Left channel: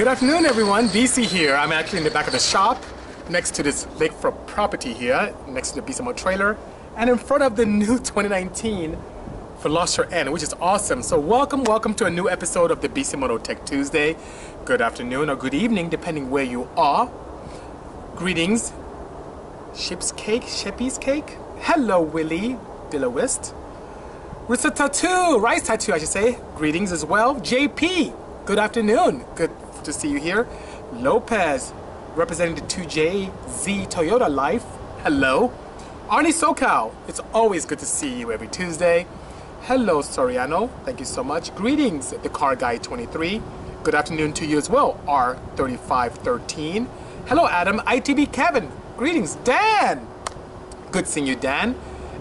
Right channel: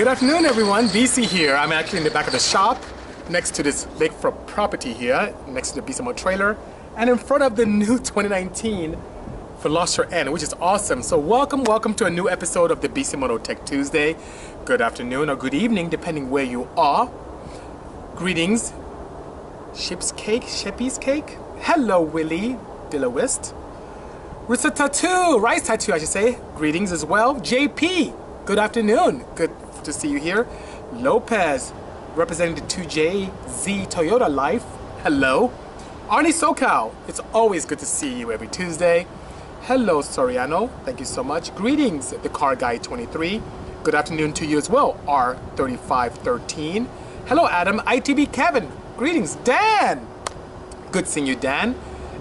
Good afternoon, everyone. Bisi here. I'm actually in the back of the shop next to this lakefront property here, next to the Bisimoto trailer, and in front of the new 2019 Veloster N, which is awesome. So welcome to a new episode of the Bisimoto Tech2sDay. Good afternoon or good evening, depending where you are. Greetings. Sheep's cake. Hello, Willie Dillawist. Risa Tattoo, Rice Tattoo, I should say. Greetings as well. JP, good afternoon. Good to see you here. Lopez, representing the 2JZ Toyota Life. Hello. Arnie SoCal, it's always good to see you every Tuesday. Hello, Soriano. Thank you so much. Greetings, the Car Guy 23. Good afternoon to you as well, R3513. Hello, Adam. ITB Kevin. Greetings, Dan. Good seeing you, Dan.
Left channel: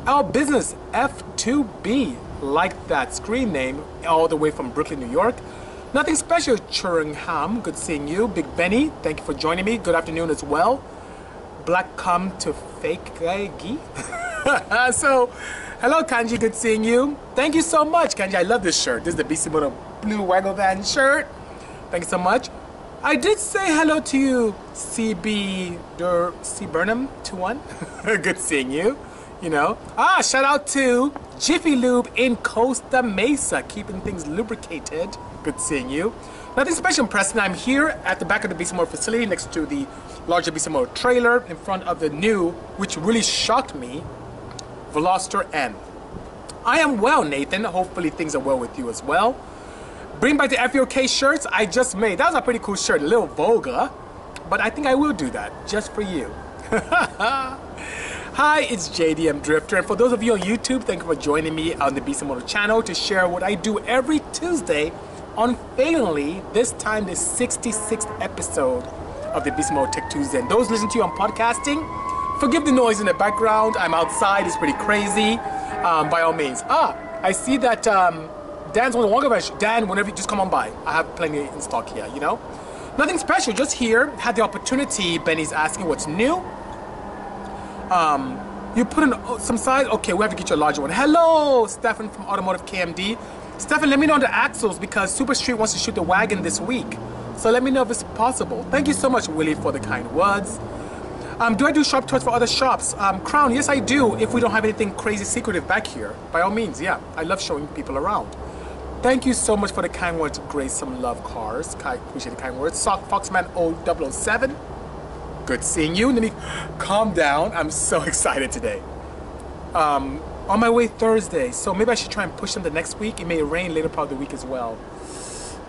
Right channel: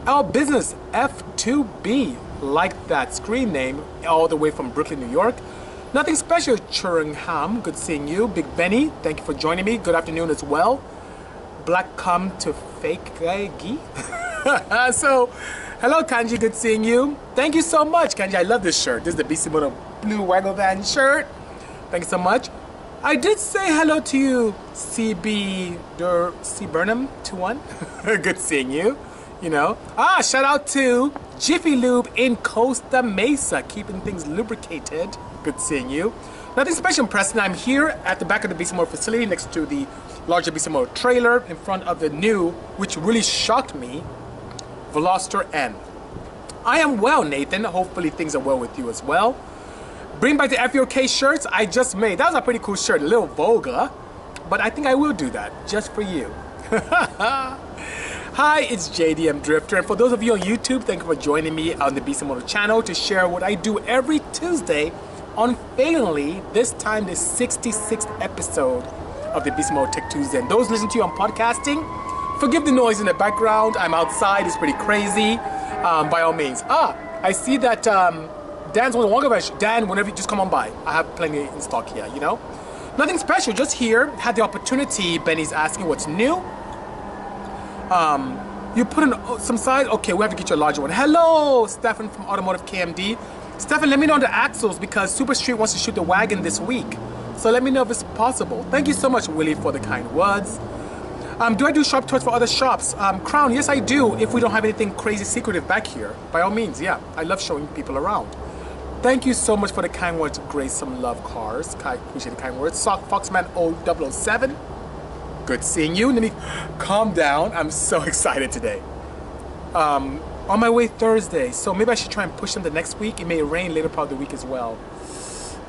Our Business F2B, like that screen name, all the way from Brooklyn, New York. Nothing special, Churingham. Good seeing you. Big Benny, thank you for joining me. Good afternoon as well. Black come to fake guy. So, hello, Kanji. Good seeing you. Thank you so much, Kanji. I love this shirt. This is the Bisimoto Blue Waggle Van shirt. Thank you so much. I did say hello to you, C Burnham 21. Good seeing you. You know. Shout out to Jiffy Lube in Costa Mesa, keeping things lubricated. Good seeing you. Nothing special, Preston. I'm here at the back of the Bisimoto facility next to the larger Bisimoto trailer in front of the new, which really shocked me, Veloster N. I am well, Nathan. Hopefully things are well with you as well. Bring back the FUK shirts I just made. That was a pretty cool shirt, a little vulgar, but I think I will do that just for you. Hi, it's JDM Drifter, and for those of you on YouTube, thank you for joining me on the Bisimoto channel to share what I do every Tuesday, unfailingly, this time the 66th episode of the Bisimoto Tech2sDay. And those listening to you on podcasting, forgive the noise in the background. I'm outside, it's pretty crazy, by all means. I see that Dan's one of the longer version. Dan, whenever you just come on by, I have plenty in stock here, you know? Nothing special, just here, had the opportunity. Benny's asking what's new. You put in some size. Okay, we have to get you a larger one. Hello, Stefan from Automotive KMD. Stefan, let me know on the axles because Super Street wants to shoot the wagon this week. So let me know if it's possible. Thank you so much, Willie, for the kind words. Do I do shop tours for other shops? Crown, yes I do, if we don't have anything crazy secretive back here. By all means, yeah. I love showing people around. Thank you so much for the kind words, Grace. Some love cars. I appreciate the kind words. Foxman 007. Good seeing you. Let me calm down. I'm so excited today. On my way Thursday, so maybe I should try and push them the next week. It may rain later part of the week as well.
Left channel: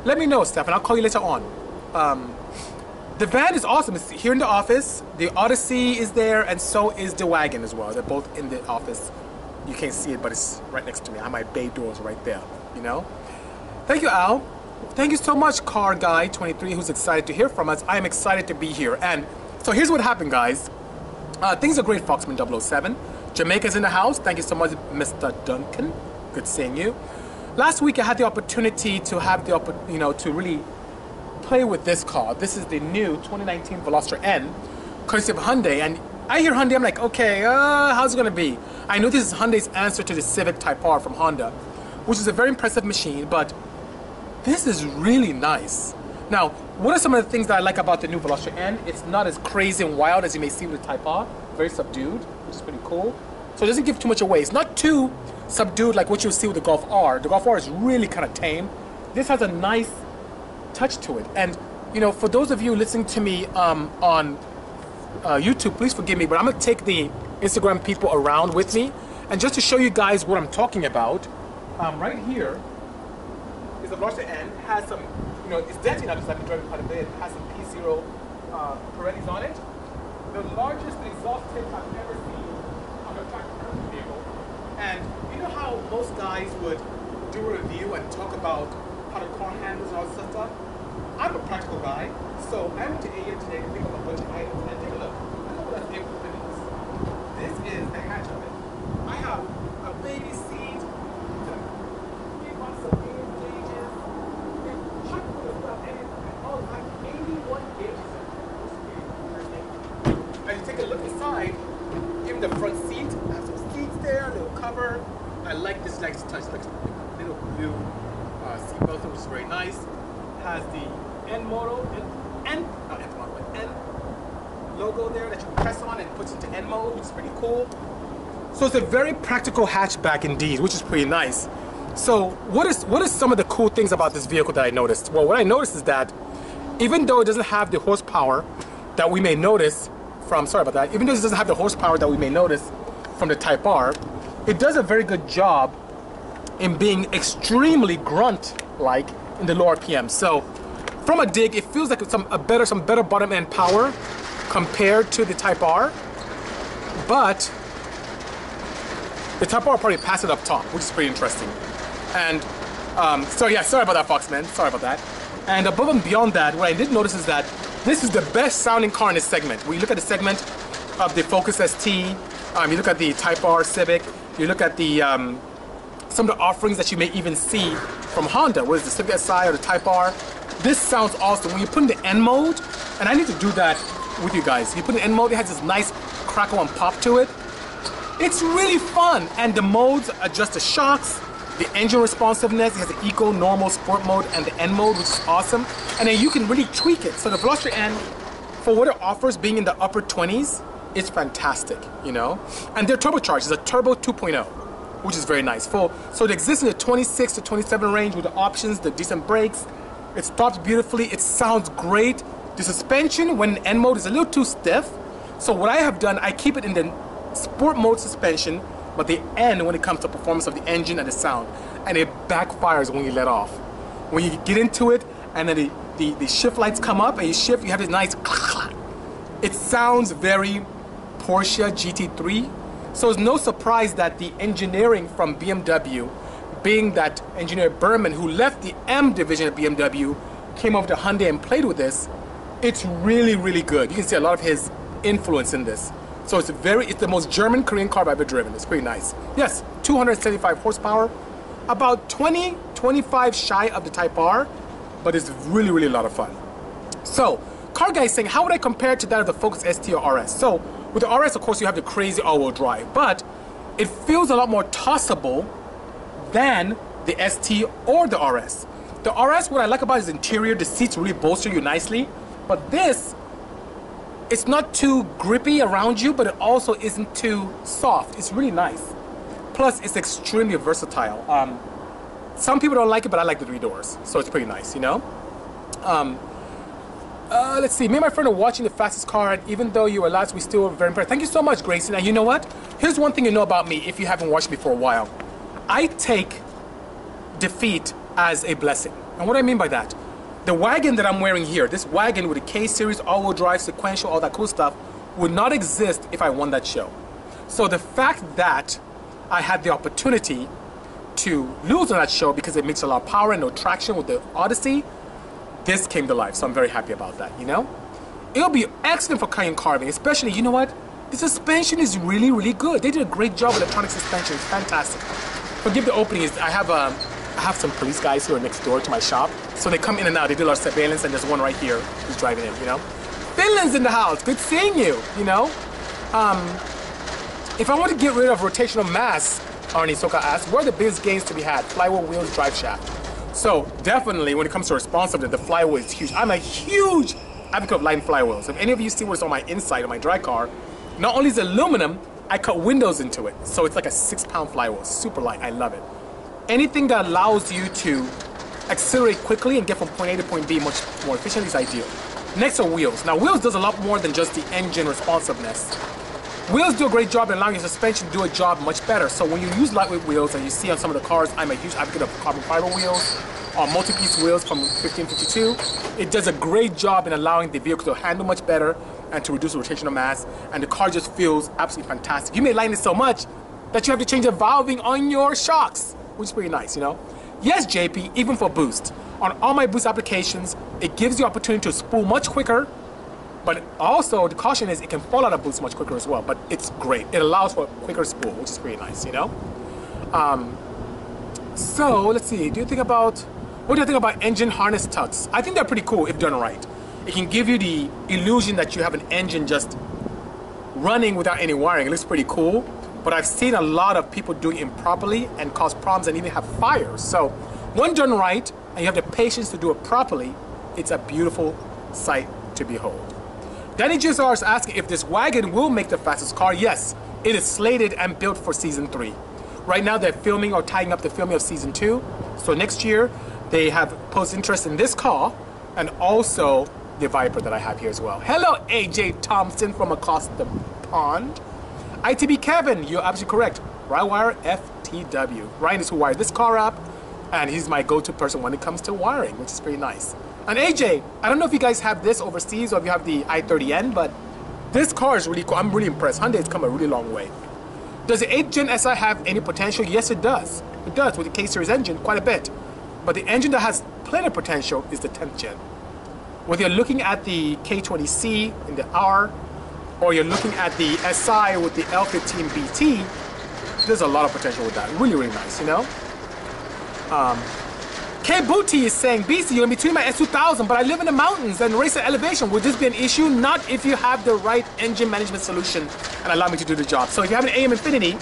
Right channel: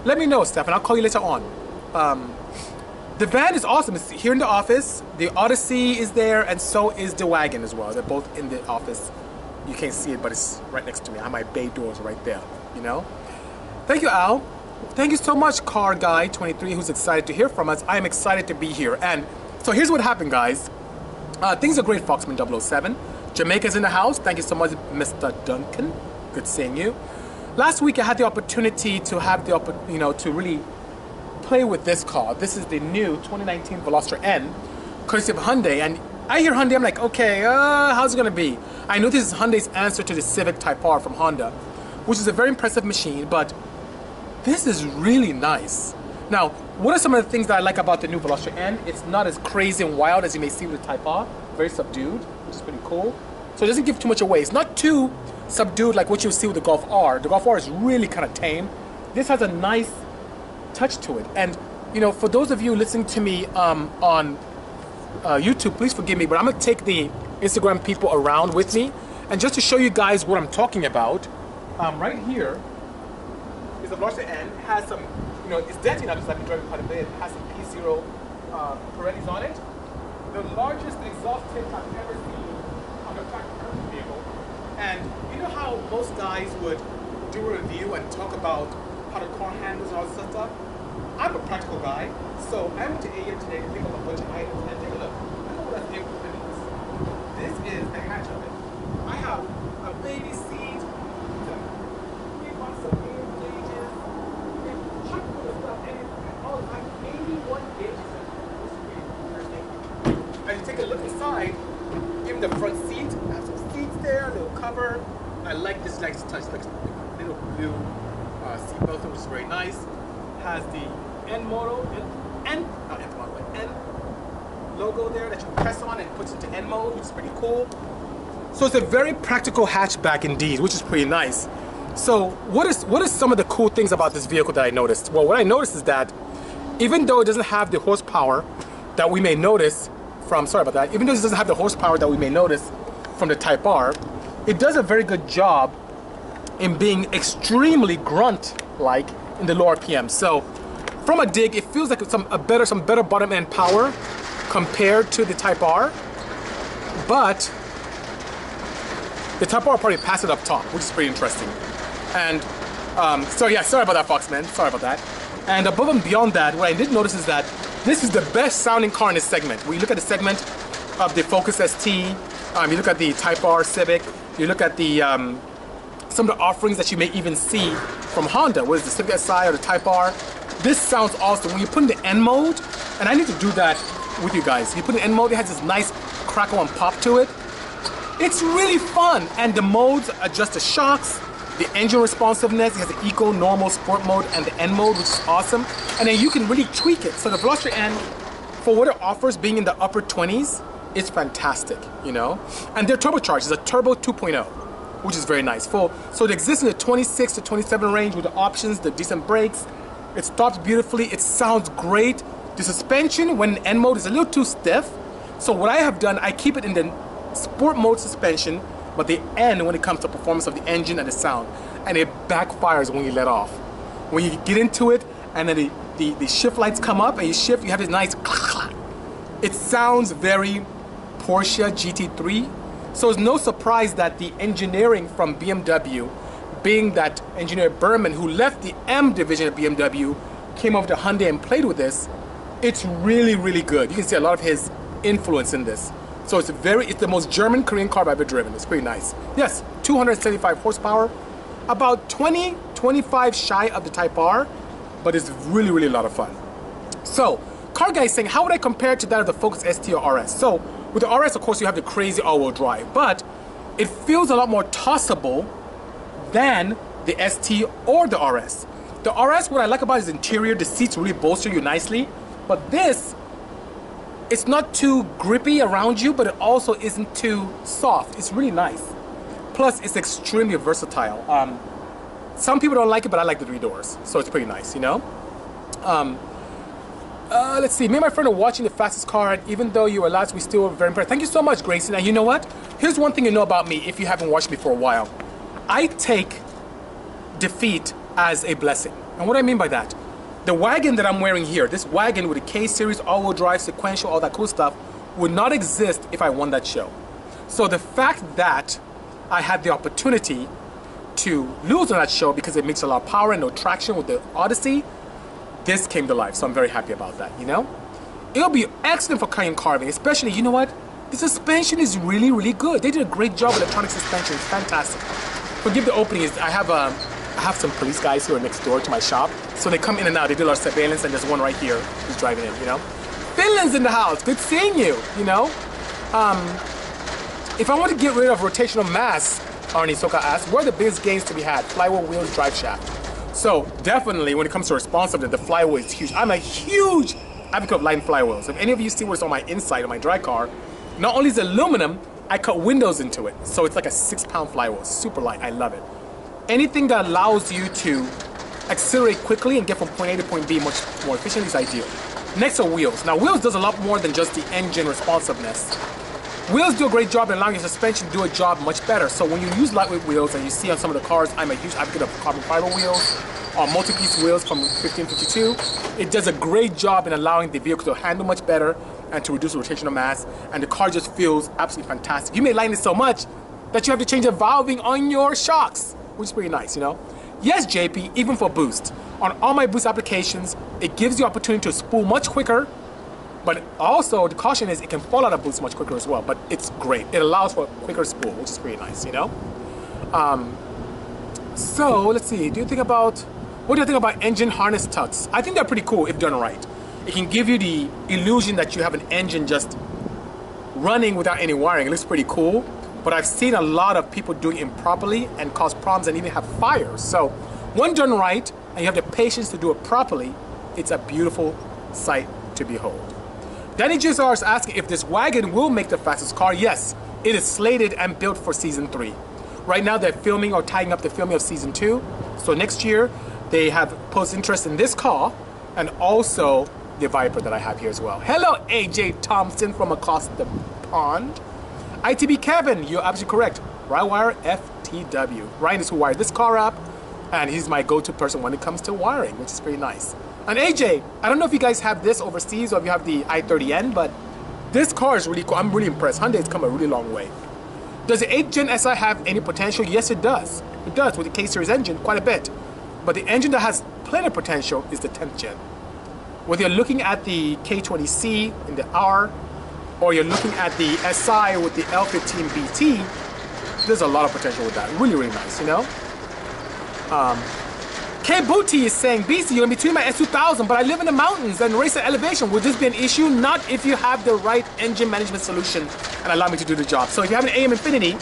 Let me know, Stefan. I'll call you later on. The van is awesome. It's here in the office. The Odyssey is there, and so is the wagon as well. They're both in the office. You can't see it, but it's right next to me. I have my bay doors right there, you know? Thank you, Al. Thank you so much, Car Guy 23, who's excited to hear from us. I am excited to be here. And so here's what happened, guys. Things are great, Foxman 007. Jamaica's in the house. Thank you so much, Mr. Duncan. Good seeing you. Last week, I had the opportunity to have the, to really play with this car. This is the new 2019 Veloster N, courtesy of Hyundai. And I hear Hyundai, I'm like, okay, how's it gonna be? I know this is Hyundai's answer to the Civic Type R from Honda, which is a very impressive machine, but this is really nice. Now, what are some of the things that I like about the new Veloster N? It's not as crazy and wild as you may see with the Type R. Very subdued, which is pretty cool. So it doesn't give too much away. It's not too subdued like what you'll see with the Golf R. The Golf R is really kind of tame. This has a nice touch to it. And, you know, for those of you listening to me on YouTube, please forgive me, but I'm going to take the Instagram people around with me. And just to show you guys what I'm talking about, right here is the Veloster N. It has some, you know, it's dirty now because I've been driving quite a bit. It has some P0 Pirellis on it. The largest exhaust tip I've ever seen on a tractor vehicle. And you know how most guys would do a review and talk about how the car handles and all this stuff? I'm a practical guy, so I went to AEM today to pick up a bunch of items and take a look. Look at what that vehicle is. This is the hatch of it. I have a baby seat, some air gauges, and check for the stuff, and all like 81 gauges. As you take a look inside, even the front seat, I have some seats there, a little cover. I like this nice touch, like little blue seat belt, which is very nice. Has the N moto, N logo there that you press on and it puts into N mode, which is pretty cool. So it's a very practical hatchback indeed, which is pretty nice. So what is some of the cool things about this vehicle that I noticed? Well, what I noticed is that even though it doesn't have the horsepower that we may notice from, sorry about that, even though it doesn't have the horsepower that we may notice from the Type R, it does a very good job in being extremely grunt-like in the low RPM. So from a dig, it feels like some better bottom end power compared to the Type R, but the Type R probably passed it up top, which is pretty interesting. And so yeah, sorry about that, Foxman, sorry about that. And above and beyond that, what I did notice is that this is the best sounding car in this segment. When you look at the segment of the Focus ST, you look at the Type R Civic, you look at the some of the offerings that you may even see from Honda, whether it's the Civic Si or the Type R. This sounds awesome. When you put in the N mode, and I need to do that with you guys. You put in N mode, it has this nice crackle and pop to it. It's really fun, and the modes adjust the shocks, the engine responsiveness. It has the Eco, Normal, Sport mode, and the N mode, which is awesome. And then you can really tweak it. So the Veloster N, for what it offers, being in the upper 20s, it's fantastic, you know? And they're turbocharged. It's a turbo 2.0, which is very nice. So it exists in the 26 to 27 range with the options, the decent brakes. It stops beautifully. It sounds great. The suspension, when in N mode, is a little too stiff. So what I have done, I keep it in the Sport mode suspension, but the N when it comes to performance of the engine and the sound, and it backfires when you let off. When you get into it and then the shift lights come up and you shift, you have this nice clack. It sounds very Porsche GT3, so it's no surprise that the engineering from BMW, being that engineer Berman, who left the M division of BMW, came over to Hyundai and played with this. It's really, really good. You can see a lot of his influence in this. So it's the most German Korean car I've ever driven. It's pretty nice. Yes, 275 horsepower, about 25 shy of the Type R, but it's really, really a lot of fun. So, car guys saying, how would I compare it to that of the Focus ST or RS? So, with the RS, of course, you have the crazy all-wheel drive, but it feels a lot more tossable than the ST or the RS. The RS, what I like about its interior, the seats really bolster you nicely, but this, it's not too grippy around you, but it also isn't too soft. It's really nice. Plus, it's extremely versatile. Some people don't like it, but I like the 3 doors, so it's pretty nice, you know? Let's see, me and my friend are watching the fastest car, and even though you were last, we still were very impressed. Thank you so much, Gracie. Now, you know what? Here's one thing you know about me, if you haven't watched me for a while. I take defeat as a blessing. And what do I mean by that? The wagon that I'm wearing here, this wagon with a K-Series, all-wheel drive, sequential, all that cool stuff, would not exist if I won that show. So the fact that I had the opportunity to lose on that show because it makes a lot of power and no traction with the Odyssey, this came to life, so I'm very happy about that, you know? It'll be excellent for Cayenne carving, especially, you know what? The suspension is really, really good. They did a great job with electronic suspension. It's fantastic. Forgive the opening, I have some police guys who are next door to my shop, so they come in and out. They do a lot of surveillance, and there's one right here who's driving in, you know? Finland's in the house. Good seeing you, you know? If I want to get rid of rotational mass, Arnie Soka asked, where are the biggest gains to be had? Flywheel, wheels, drive shaft. So definitely when it comes to responsiveness, the flywheel is huge. I'm a huge advocate of light flywheels. If any of you see what's on my inside of my dry car, not only is it aluminum, I cut windows into it. So it's like a 6-pound flywheel, super light, I love it. Anything that allows you to accelerate quickly and get from point A to point B much more efficiently is ideal. Next are wheels. Now wheels does a lot more than just the engine responsiveness. Wheels do a great job in allowing your suspension to do a job much better. So when you use lightweight wheels, and you see on some of the cars, I'm a huge advocate of carbon fiber wheels or multi-piece wheels from 1552. It does a great job in allowing the vehicle to handle much better and to reduce rotational mass, and the car just feels absolutely fantastic. You may like it so much that you have to change the valving on your shocks, which is pretty nice, you know? Yes, JP, even for boost. On all my boost applications, it gives you opportunity to spool much quicker, but also the caution is it can fall out of boost much quicker as well, but it's great. It allows for a quicker spool, which is pretty nice, you know? So, let's see, what do you think about engine harness tucks? I think they're pretty cool if done right. It can give you the illusion that you have an engine just running without any wiring. It looks pretty cool, but I've seen a lot of people doing it improperly and cause problems and even have fires. So, when done right, and you have the patience to do it properly, it's a beautiful sight to behold. Danny JSR is asking if this wagon will make the fastest car. Yes, it is slated and built for season 3. Right now they're filming or tying up the filming of season 2. So next year they have posed interest in this car and also the Viper that I have here as well. Hello AJ Thompson from across the pond. ITB Kevin, you're absolutely correct. Rywire FTW. Ryan is who wired this car up, and he's my go-to person when it comes to wiring, which is pretty nice. And AJ, I don't know if you guys have this overseas or if you have the i30N, but this car is really cool. I'm really impressed. Hyundai's come a really long way. Does the 8th Gen SI have any potential? Yes, it does. It does with the K-Series engine, quite a bit. But the engine that has plenty of potential is the 10th Gen. Whether you're looking at the K20C in the R, or you're looking at the SI with the L15 BT, there's a lot of potential with that. Really, really nice, you know? K Booty is saying, Bisi, you're in between my S2000, but I live in the mountains and race at elevation. Would this be an issue? Not if you have the right engine management solution and allow me to do the job. So if you have an AEM Infinity,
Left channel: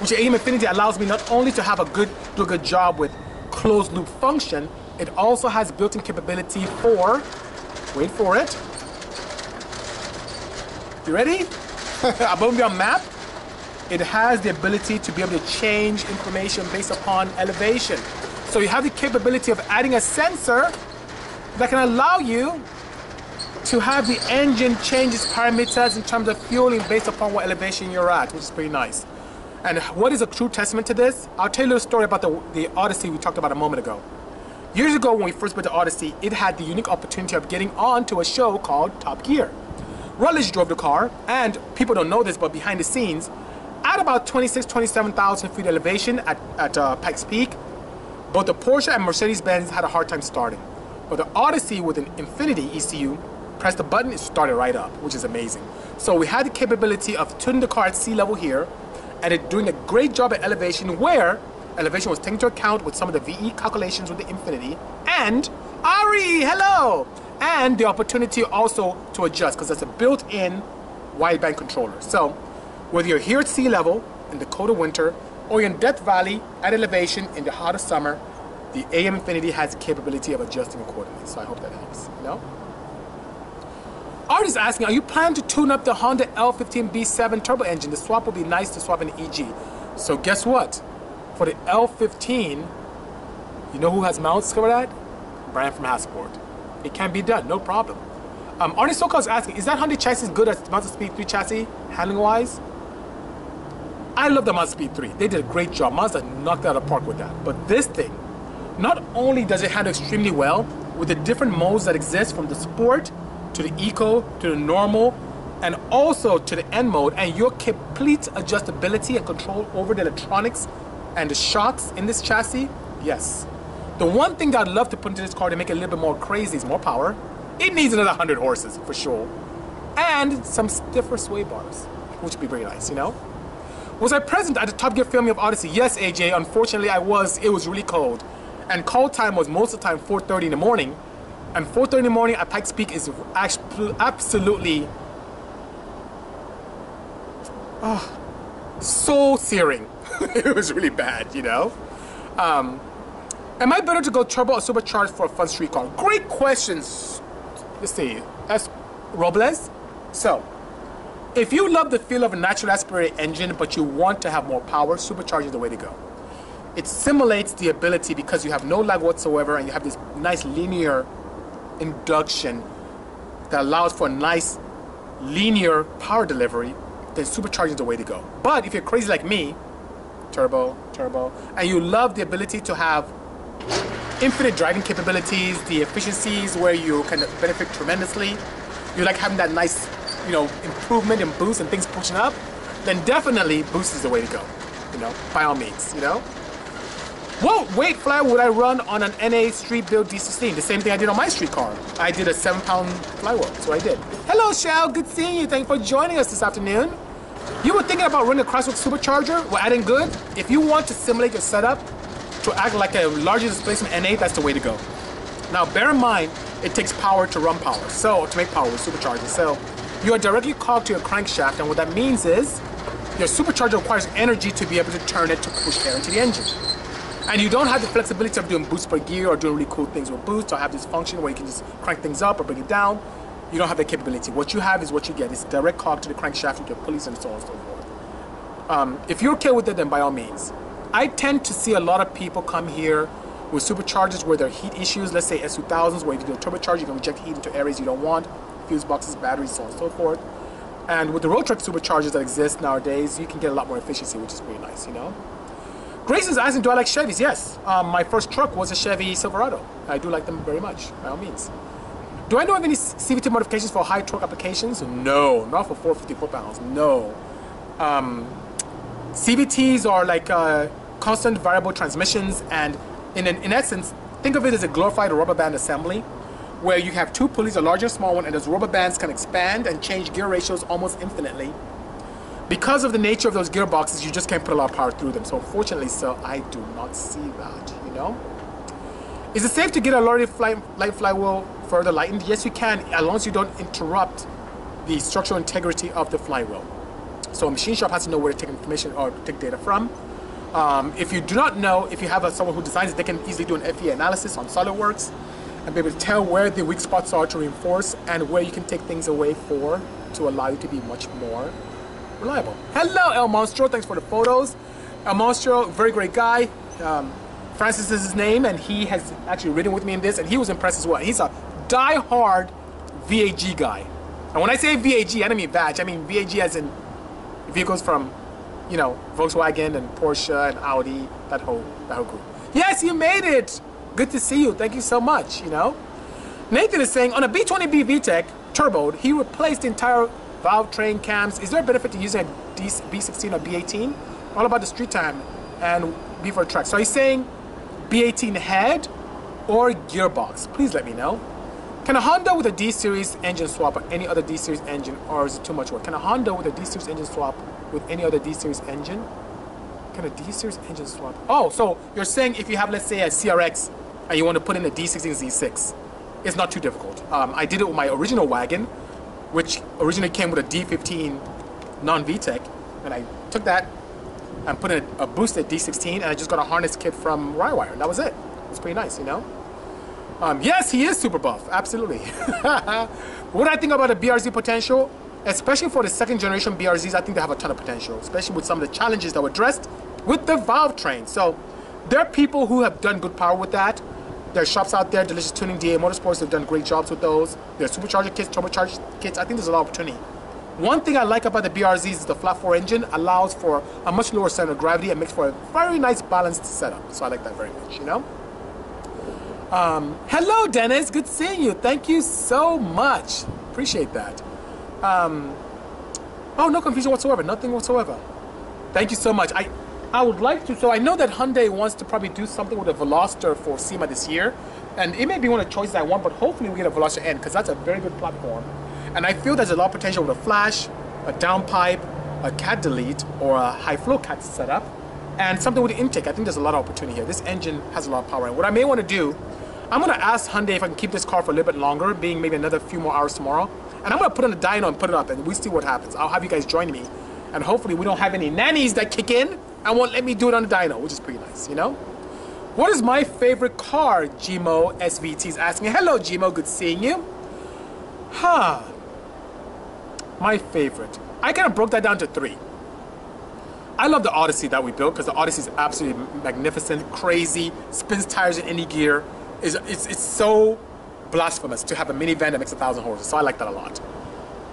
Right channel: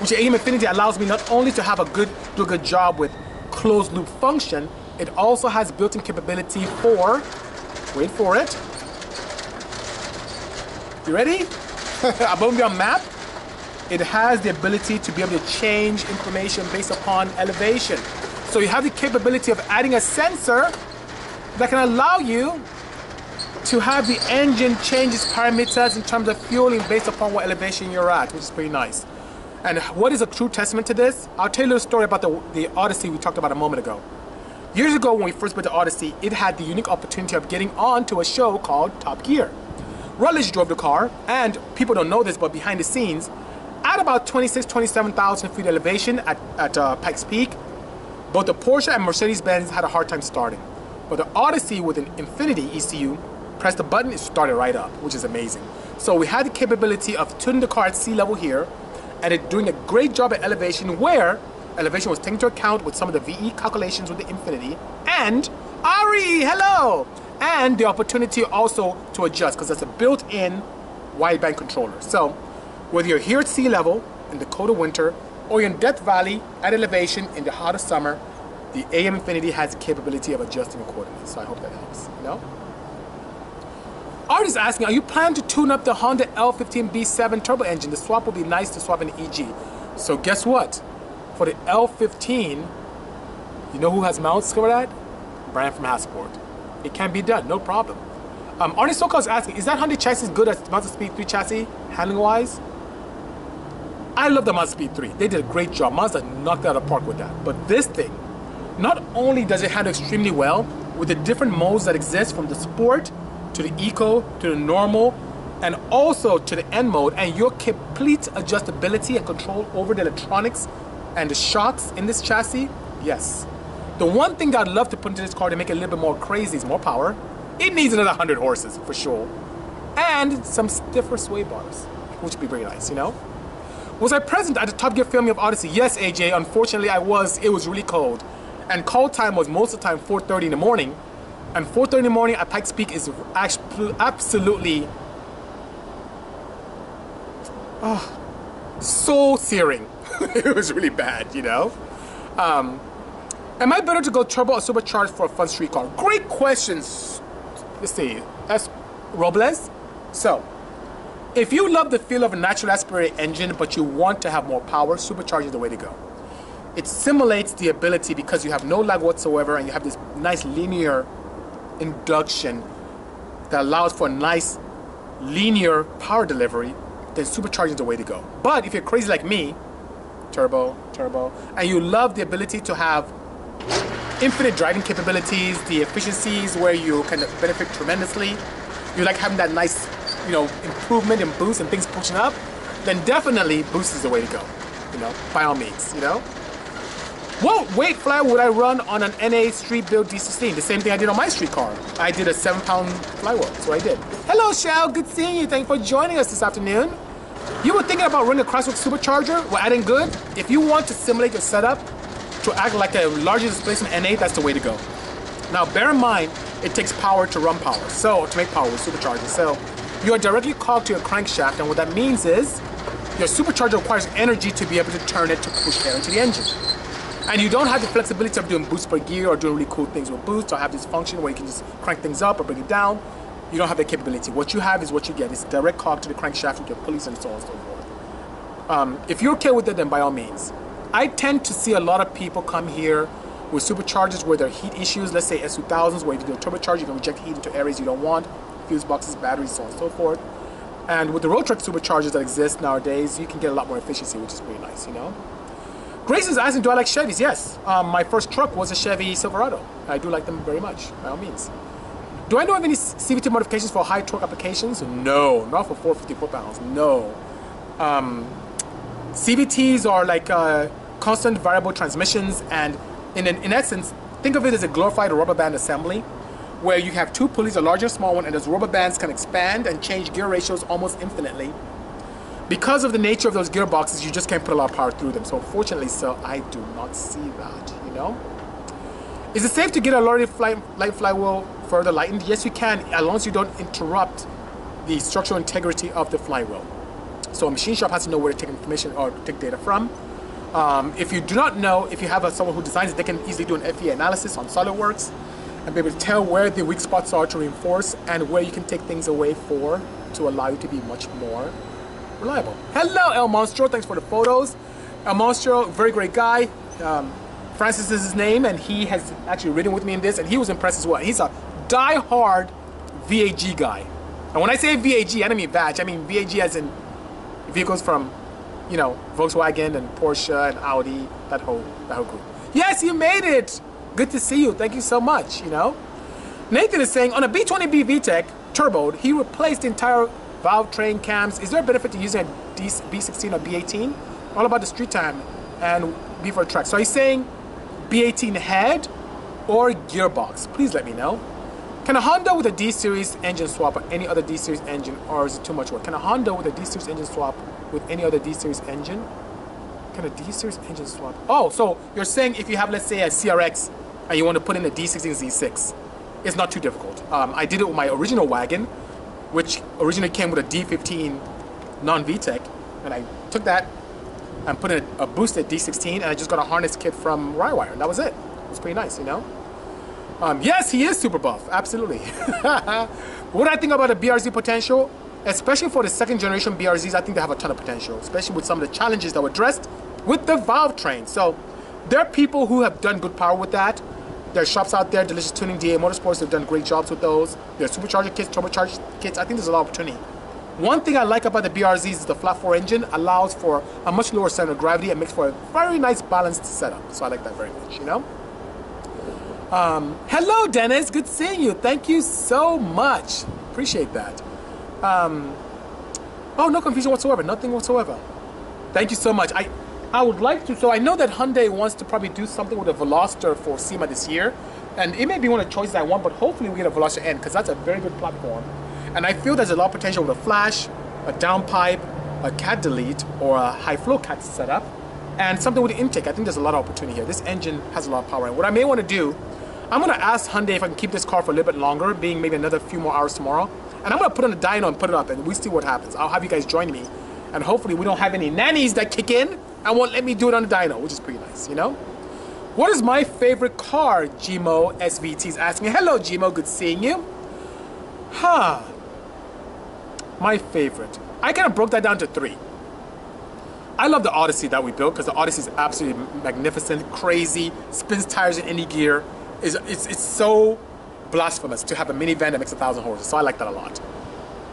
which AEM Infinity allows me not only to have do a good job with closed loop function, it also has built-in capability for, wait for it. You ready? Above your map, it has the ability to be able to change information based upon elevation. So you have the capability of adding a sensor that can allow you to have the engine change its parameters in terms of fueling based upon what elevation you're at, which is pretty nice. And what is a true testament to this? I'll tell you a story about the Odyssey we talked about a moment ago. Years ago when we first built the Odyssey, it had the unique opportunity of getting on to a show called Top Gear. Rutledge drove the car, and people don't know this, but behind the scenes, at about 27,000 feet elevation at Pikes Peak, both the Porsche and Mercedes-Benz had a hard time starting. But the Odyssey with an Infinity ECU, press the button, it started right up, which is amazing. So we had the capability of tuning the car at sea level here, and it doing a great job at elevation, where elevation was taken into account with some of the VE calculations with the Infinity. And Ari, hello! And the opportunity also to adjust, because that's a built-in wideband controller. So whether you're here at sea level in the cold of winter, or you're in Death Valley at elevation in the hot of summer, the AEM Infinity has the capability of adjusting accordingly. So I hope that helps, you know? Art is asking, are you planning to tune up the Honda L15 B7 turbo engine? The swap would be nice to swap in the EG. So guess what? For the L15, you know who has mounts for that? Brian from Hasport. It can be done, no problem. Arnie Sokol is asking, is that Hyundai chassis good as Mazda Speed 3 chassis, handling-wise? I love the Mazda Speed 3. They did a great job. Mazda knocked it out of the park with that. But this thing, not only does it handle extremely well, with the different modes that exist, from the Sport, to the Eco, to the Normal, and also to the N mode, and your complete adjustability and control over the electronics and the shocks in this chassis, yes. The one thing that I'd love to put into this car to make it a little bit more crazy is more power. It needs another 100 horses, for sure. And some stiffer sway bars, which would be very nice, you know? Was I present at the Top Gear filming of Odyssey? Yes, AJ, unfortunately I was. It was really cold. And call time was most of the time 4:30 in the morning. And 4:30 in the morning at Pikes Peak is absolutely so searing. It was really bad, you know? Am I better to go turbo or supercharged for a fun street car? Great questions. Let's see. S. Robles. So, if you love the feel of a naturally aspirated engine, but you want to have more power, supercharging is the way to go. It simulates the ability because you have no lag whatsoever, and you have this nice linear induction that allows for a nice linear power delivery. Then supercharging is the way to go. But if you're crazy like me, turbo, and you love the ability to have infinite driving capabilities, the efficiencies where you can benefit tremendously, you like having that nice, you know, improvement and boost and things pushing up, then definitely boost is the way to go, you know, by all means, you know. What weight fly would I run on an NA street build D16? The same thing I did on my street car. I did a 7-pound flywheel, that's what I did. Hello, Shao, good seeing you. Thank you for joining us this afternoon. You were thinking about running a Crosswalk supercharger? Well, adding good. If you want to simulate your setup to act like a larger displacement NA, that's the way to go. Now, bear in mind, it takes power to run power, so to make power with superchargers. So you are directly clogged to your crankshaft, and what that means is your supercharger requires energy to be able to turn it to push air into the engine. And you don't have the flexibility of doing boost per gear or doing really cool things with boost or have this function where you can just crank things up or bring it down. You don't have that capability. What you have is what you get. It's a direct cog to the crankshaft with your pulleys and so on and so forth. If you're okay with it, then by all means. I tend to see a lot of people come here with superchargers where there are heat issues. Let's say S2000s, where if you do a turbocharger, you can inject heat into areas you don't want, fuse boxes, batteries, so on and so forth. And with the road truck superchargers that exist nowadays, you can get a lot more efficiency, which is pretty nice, you know? Grace is asking, do I like Chevys? Yes. My first truck was a Chevy Silverado. I do like them very much, by all means. Do I know of any CVT modifications for high torque applications? No, not for 450 foot-pounds, no. CVTs are like constant variable transmissions, and in essence, think of it as a glorified rubber band assembly, where you have two pulleys, a large and small one, and those rubber bands can expand and change gear ratios almost infinitely. Because of the nature of those gearboxes, you just can't put a lot of power through them. So fortunately, sir, I do not see that, you know? Is it safe to get a light flywheel further lightened? Yes, you can, as long as you don't interrupt the structural integrity of the flywheel. So a machine shop has to know where to take information or take data from. If you do not know, if you have someone who designs it, they can easily do an FEA analysis on SolidWorks and be able to tell where the weak spots are to reinforce and where you can take things away to allow you to be much more reliable. Hello, El Monstro. Thanks for the photos. El Monstro, very great guy. Francis is his name, and he has actually ridden with me in this, and he was impressed as well. He's a die-hard VAG guy. And when I say VAG, I don't mean badge. I mean VAG as in vehicles from, you know, Volkswagen and Porsche and Audi, that whole group. Yes, you made it. Good to see you. Thank you so much, you know. Nathan is saying, on a B20B VTEC turboed, he replaced the entire valve train cams. Is there a benefit to using a B16 or B18? All about the street time and B for track. So he's saying B18 head or gearbox. Please let me know. Can a Honda with a D-Series engine swap or any other D-Series engine, or is it too much work? Can a Honda with a D-Series engine swap with any other D-Series engine? Can a D-Series engine swap? Oh, so you're saying if you have, let's say, a CRX and you want to put in a D16 Z6, it's not too difficult. I did it with my original wagon, which originally came with a D15 non-VTEC, and I took that and put in a boosted D16, and I just got a harness kit from Rywire, and that was it. It was pretty nice, you know? Yes, he is super buff, absolutely. What I think about the BRZ potential, especially for the second generation BRZs, I think they have a ton of potential, especially with some of the challenges that were addressed with the valve train. So there are people who have done good power with that. There are shops out there, Delicious Tuning, DA Motorsports, have done great jobs with those. There are supercharger kits, turbocharger kits. I think there's a lot of opportunity. One thing I like about the BRZs is the flat 4 engine allows for a much lower center of gravity and makes for a very nice balanced setup. So I like that very much, you know? Hello, Dennis. Good seeing you. Thank you so much. Appreciate that. Oh, no confusion whatsoever. Nothing whatsoever. Thank you so much. I would like to, so I know that Hyundai wants to probably do something with a Veloster for SEMA this year. And it may be one of the choices I want, but hopefully we get a Veloster N because that's a very good platform. And I feel there's a lot of potential with a flash, a downpipe, a cat delete, or a high flow cat setup, and something with the intake. I think there's a lot of opportunity here. This engine has a lot of power. And what I may want to do, I'm going to ask Hyundai if I can keep this car for a little bit longer, being maybe another few more hours tomorrow. And I'm going to put on the dyno and put it up, and we see what happens. I'll have you guys join me. And hopefully we don't have any nannies that kick in and won't let me do it on the dyno, which is pretty nice, you know? What is my favorite car? Gmo SVT is asking. Hello, Gmo. Good seeing you. My favorite. I kind of broke that down to 3. I love the Odyssey that we built because the Odyssey is absolutely magnificent, crazy, spins tires in any gear. It's so blasphemous to have a minivan that makes 1,000 horses, so I like that a lot.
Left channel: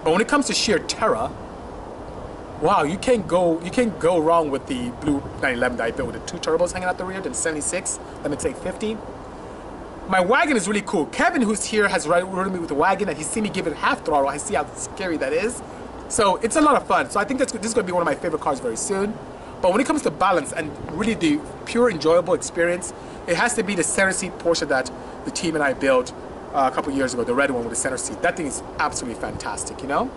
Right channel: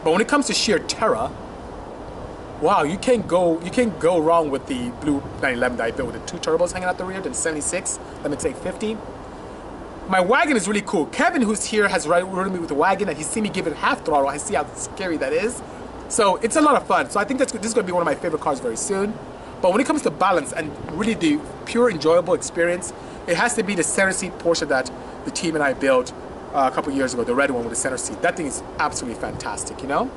But when it comes to sheer terror, wow, you can't go wrong with the blue 911 that I built with the 2 turbos hanging out the rear, then 76, let me take 50. My wagon is really cool. Kevin, who's here, has ridden me with the wagon, and he's seen me give it half throttle. I see how scary that is. So it's a lot of fun. So I think this is going to be one of my favorite cars very soon. But when it comes to balance and really the pure enjoyable experience, it has to be the center seat Porsche that the team and I built a couple years ago, the red one with the center seat. That thing is absolutely fantastic, you know?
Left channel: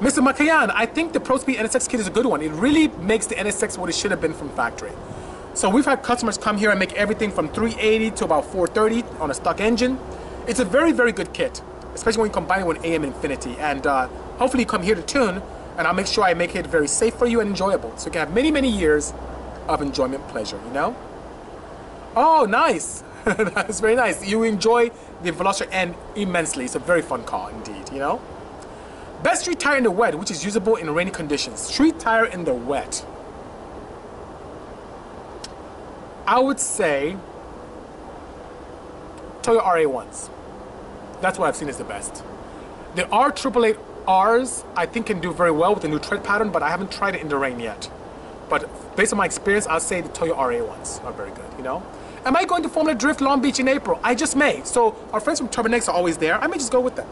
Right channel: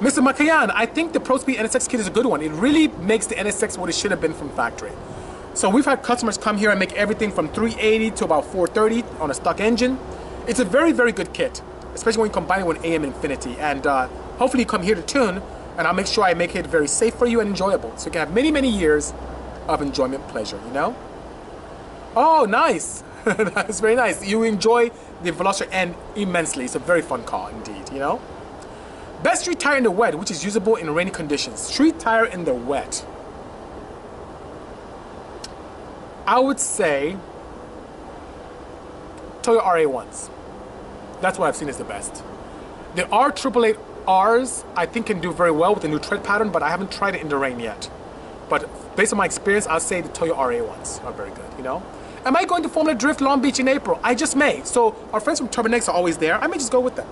Mr. Makayan, I think the ProSpeed NSX kit is a good one. It really makes the NSX what it should have been from factory. So we've had customers come here and make everything from 380 to about 430 on a stock engine. It's a very, very good kit, especially when you combine it with AEM Infinity. And hopefully you come here to tune, and I'll make sure I make it very safe for you and enjoyable. So you can have many, many years of enjoyment, pleasure, you know? Oh, nice. That's very nice. You enjoy the Veloster N immensely. It's a very fun car indeed, you know? Best street tire in the wet, which is usable in rainy conditions. Street tire in the wet. I would say Toyo RA1s. That's what I've seen as the best. The R888Rs, I think, can do very well with the new tread pattern, but I haven't tried it in the rain yet. But based on my experience, I'll say the Toyo RA1s are very good, you know? Am I going to Formula Drift Long Beach in April? I just may. So our friends from Turbonex are always there. I may just go with them.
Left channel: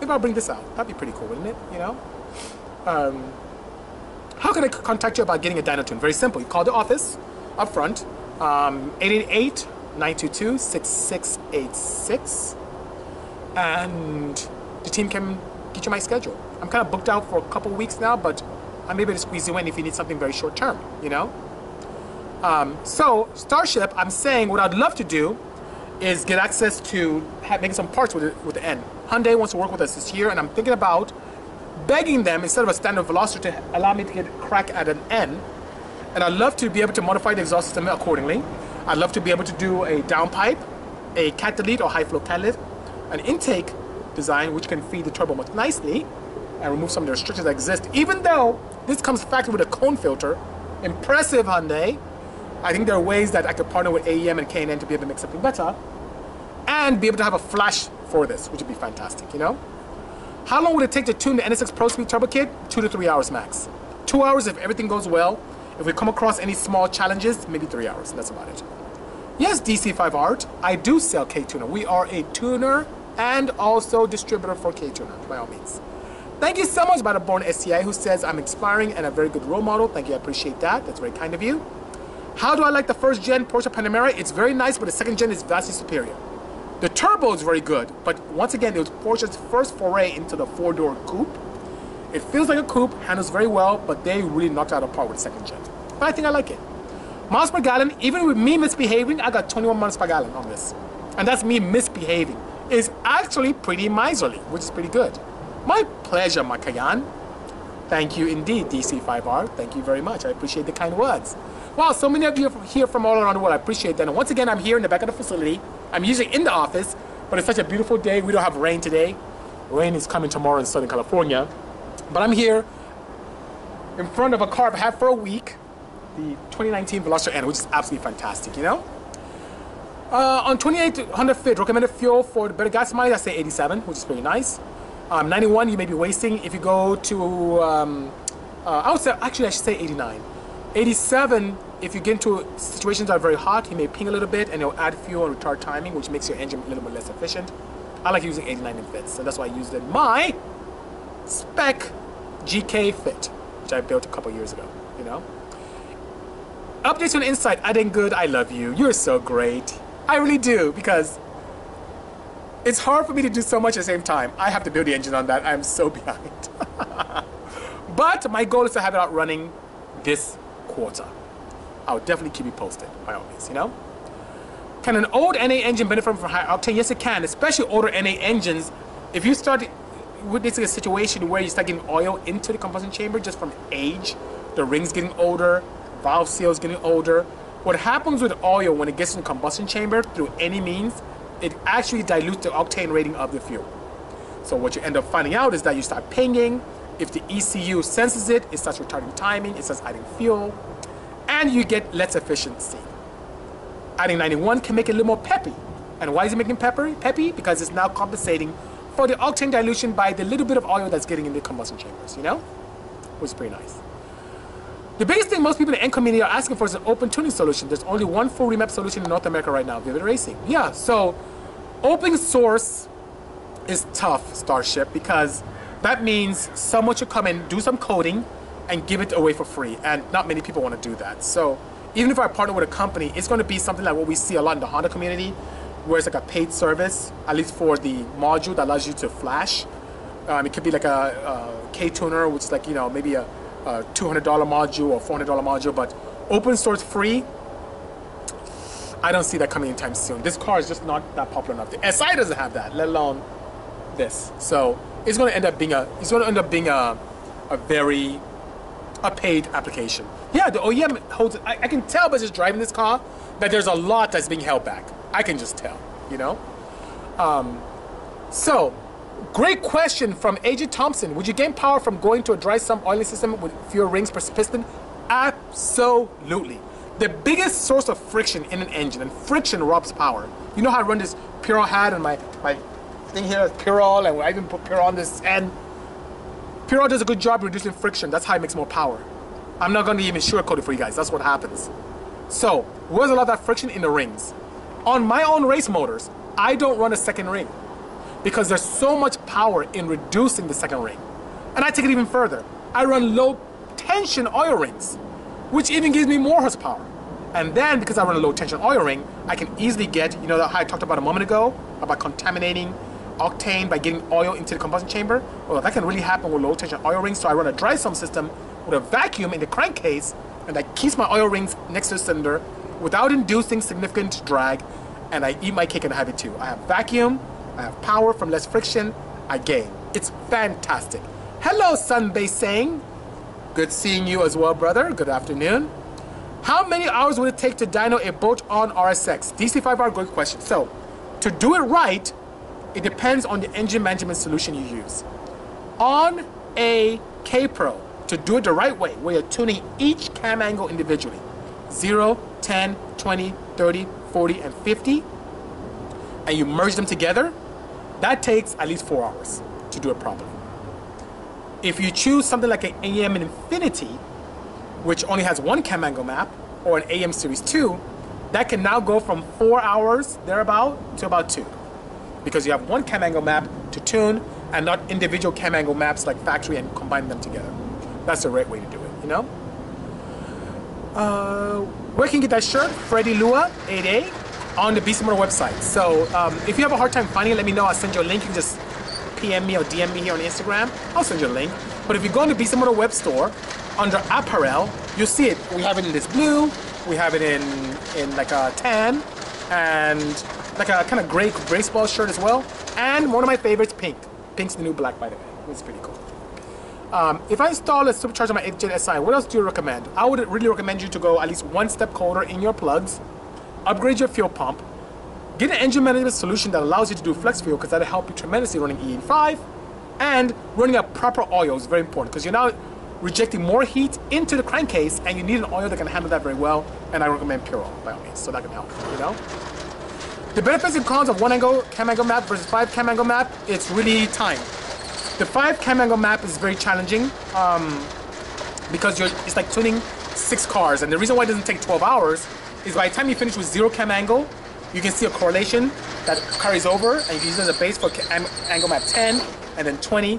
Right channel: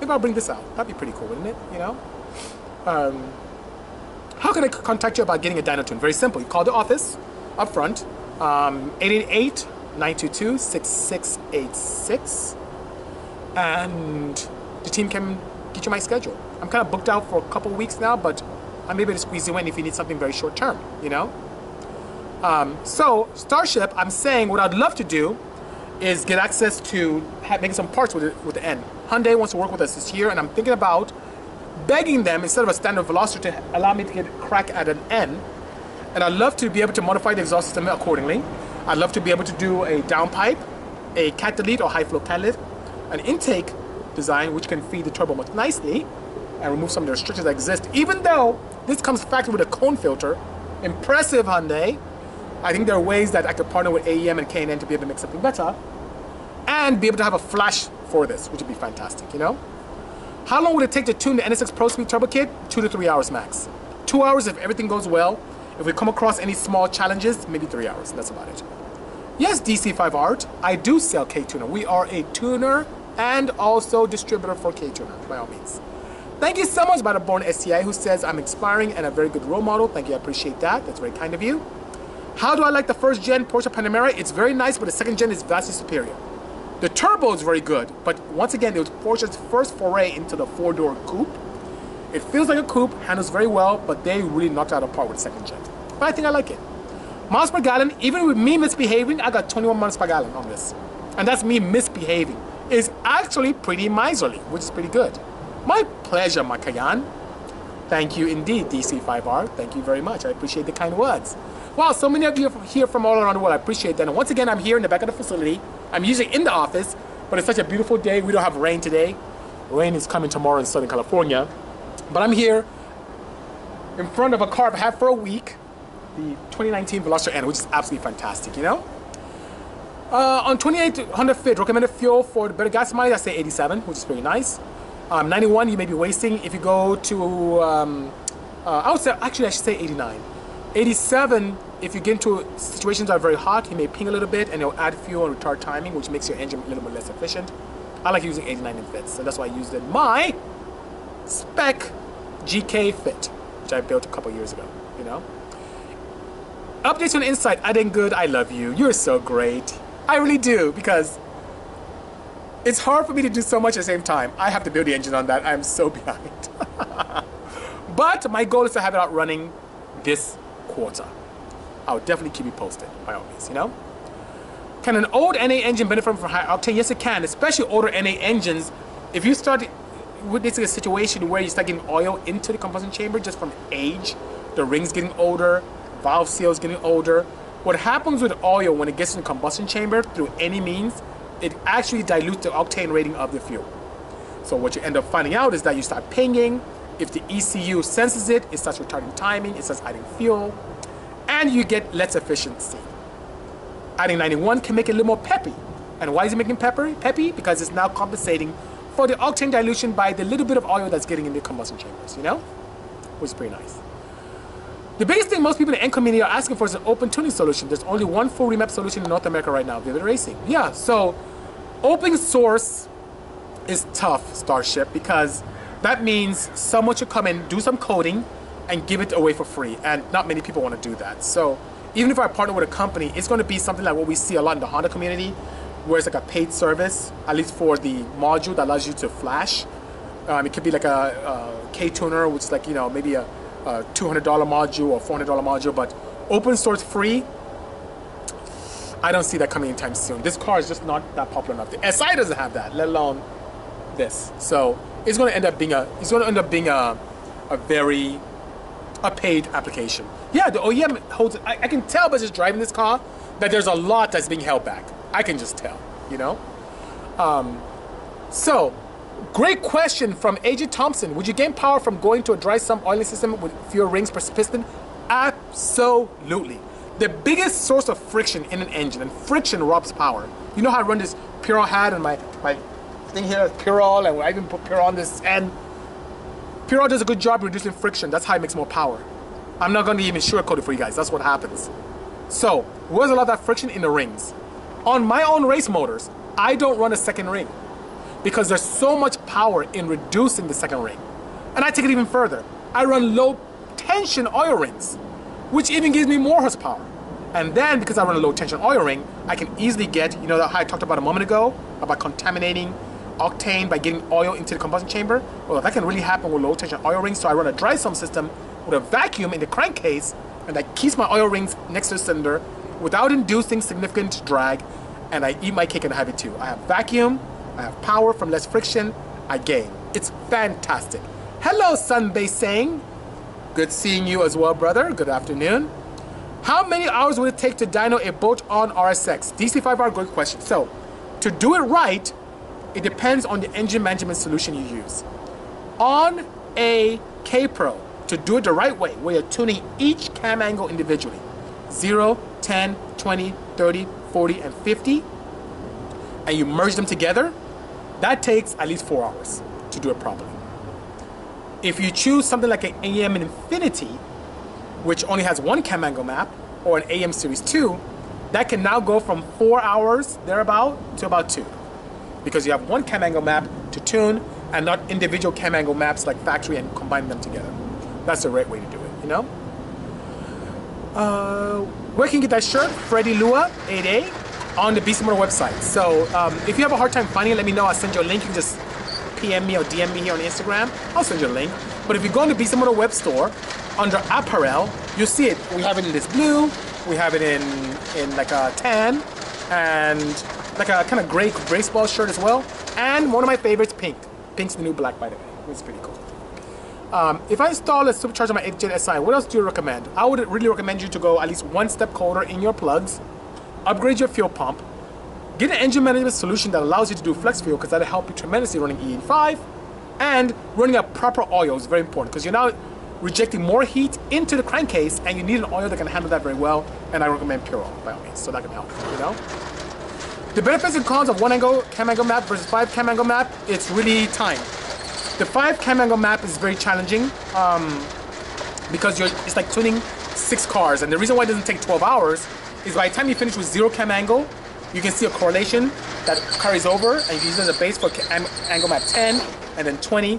Maybe I'll bring this out. That'd be pretty cool, wouldn't it? You know? How can I contact you about getting a dyno tune? Very simple. You call the office up front, 888-922-6686, and the team can get you my schedule. I'm kind of booked out for a couple weeks now, but I'm able to squeeze you in if you need something very short term, you know? So, Starship, I'm saying what I'd love to do is get access to making some parts with the N. Hyundai wants to work with us this year, and I'm thinking about begging them, instead of a standard Veloster, to allow me to get a crack at an N. And I'd love to be able to modify the exhaust system accordingly. I'd love to be able to do a downpipe, a catalytic or high flow catalytic, an intake design which can feed the turbo much nicely and remove some of the restrictions that exist. Even though this comes factored with a cone filter, impressive Hyundai. I think there are ways that I could partner with AEM and K&N to be able to make something better and be able to have a flash for this, which would be fantastic, you know? How long would it take to tune the NSX Pro Speed Turbo Kit? 2 to 3 hours max. 2 hours if everything goes well. If we come across any small challenges, maybe 3 hours. That's about it. Yes, DC5 Art, I do sell K-Tuner. We are a tuner and also distributor for K-Tuner, by all means. Thank you so much, Born STI, who says I'm inspiring and a very good role model. Thank you, I appreciate that. That's very kind of you. How do I like the first gen Porsche Panamera? It's very nice, but the second gen is vastly superior. The turbo is very good, but once again, it was Porsche's first foray into the four-door coupe. It feels like a coupe, handles very well, but they really knocked out of the park with the second gen. But I think I like it. Miles per gallon, even with me misbehaving, I got 21 miles per gallon on this. And that's me misbehaving. It's actually pretty miserly, which is pretty good. My pleasure, Makayan. Thank you indeed, DC5R. Thank you very much. I appreciate the kind words. Wow, so many of you are here from all around the world. I appreciate that. And once again, I'm here in the back of the facility. I'm usually in the office, but it's such a beautiful day. We don't have rain today. Rain is coming tomorrow in Southern California. But I'm here in front of a car I've had for a week, the 2019 Veloster N, which is absolutely fantastic, you know? On 2800 fit, recommended fuel for the better gas mileage, I say 87, which is pretty nice. 91, you may be wasting. If you go to, I would say, actually I should say 89. 87, if you get into situations that are very hot, you may ping a little bit and it'll add fuel and retard timing, which makes your engine a little bit less efficient. I like using 89 in fits, so that's why I used in my spec GK fit, which I built a couple years ago, you know? Updates on Insight, I did good, I love you. You're so great. I really do, because it's hard for me to do so much at the same time. I have to build the engine on that. I'm so behind. But my goal is to have it out running this quarter. I'll definitely keep you posted, by all means, you know? Can an old NA engine benefit from high octane? Yes, it can, especially older NA engines. If you start witnessing a situation where you start getting oil into the combustion chamber just from age, the rings getting older, valve seals getting older. What happens with oil when it gets in the combustion chamber through any means, it actually dilutes the octane rating of the fuel. So what you end up finding out is that you start pinging. If the ECU senses it, it starts retarding timing, it starts adding fuel, and you get less efficiency. Adding 91 can make it a little more peppy. And why is it making peppy? Because it's now compensating for the octane dilution by the little bit of oil that's getting in the combustion chambers, you know? Which is pretty nice. The biggest thing most people in the N community are asking for is an open tuning solution. There's only one full remap solution in North America right now, Vivid Racing. Yeah, so open source is tough, Starship, because that means someone should come in, do some coding, and give it away for free. And not many people want to do that. So even if I partner with a company, it's going to be something like what we see a lot in the Honda community, where it's like a paid service, at least for the module that allows you to flash. It could be like a K-tuner, which is like, you know, maybe a $200 module or $400 module, but open source free, I don't see that coming anytime soon. This car is just not that popular enough. The SI doesn't have that, let alone this. So it's going to end up being a very a paid application. Yeah, the OEM holds, I can tell by just driving this car that there's a lot that's being held back. I can just tell, you know? So, great question from AJ Thompson. Would you gain power from going to a dry sump oiling system with fewer rings per piston? Absolutely. The biggest source of friction in an engine, and friction robs power. You know how I run this Purol hat and my thing here is Purol, and I even put Purol on this, and Purol does a good job reducing friction. That's how it makes more power. I'm not going to even sugarcoat it for you guys. That's what happens. So, where's a lot of that friction? In the rings. On my own race motors, I don't run a second ring because there's so much power in reducing the second ring. And I take it even further. I run low tension oil rings, which even gives me more horsepower. And then, because I run a low tension oil ring, I can easily get, you know how I talked about a moment ago, about contaminating octane by getting oil into the combustion chamber? Well, that can really happen with low tension oil rings. So I run a dry sump system with a vacuum in the crankcase, and that keeps my oil rings next to the cylinder without inducing significant drag, and I eat my cake and have it too. I have vacuum, I have power from less friction, I gain. It's fantastic. Hello, Sunbay Sang. Good seeing you as well, brother. Good afternoon. How many hours would it take to dyno a bolt-on RSX? DC5R, good question. So, to do it right, it depends on the engine management solution you use. On a K-Pro, to do it the right way, where you're tuning each cam angle individually, 0, 10, 20, 30, 40, and 50, and you merge them together, that takes at least 4 hours to do it properly. If you choose something like an AEM Infinity, which only has one cam angle map, or an AEM Series 2, that can now go from 4 hours, thereabout, to about 2. Because you have one cam angle map to tune, and not individual cam angle maps like factory and combine them together. That's the right way to do it, you know? Where can you get that shirt? Freddie Lua, 8A, on the Bisimoto website. So if you have a hard time finding it, let me know. I'll send you a link. You can just PM me or DM me here on Instagram. I'll send you a link. But if you go on the Bisimoto web store, under apparel, you'll see it. We have it in this blue. We have it in like a tan and like a kind of gray baseball shirt as well. And one of my favorites, pink. Pink's the new black, by the way. It's pretty cool. If I install a supercharger on my 8th SI, what else do you recommend? I would really recommend you to go at least one step colder in your plugs, upgrade your fuel pump, get an engine management solution that allows you to do flex fuel, because that'll help you tremendously running E85, and running a proper oil is very important because you're now rejecting more heat into the crankcase, and you need an oil that can handle that very well, and I recommend Purol by all means, so that can help, you know? The benefits and cons of one angle cam angle map versus 5 cam angle map, it's really time. The 5 cam angle map is very challenging because it's like tuning 6 cars, and the reason why it doesn't take 12 hours is by the time you finish with 0 cam angle, you can see a correlation that carries over, and you can use it as a base for angle map 10 and then 20.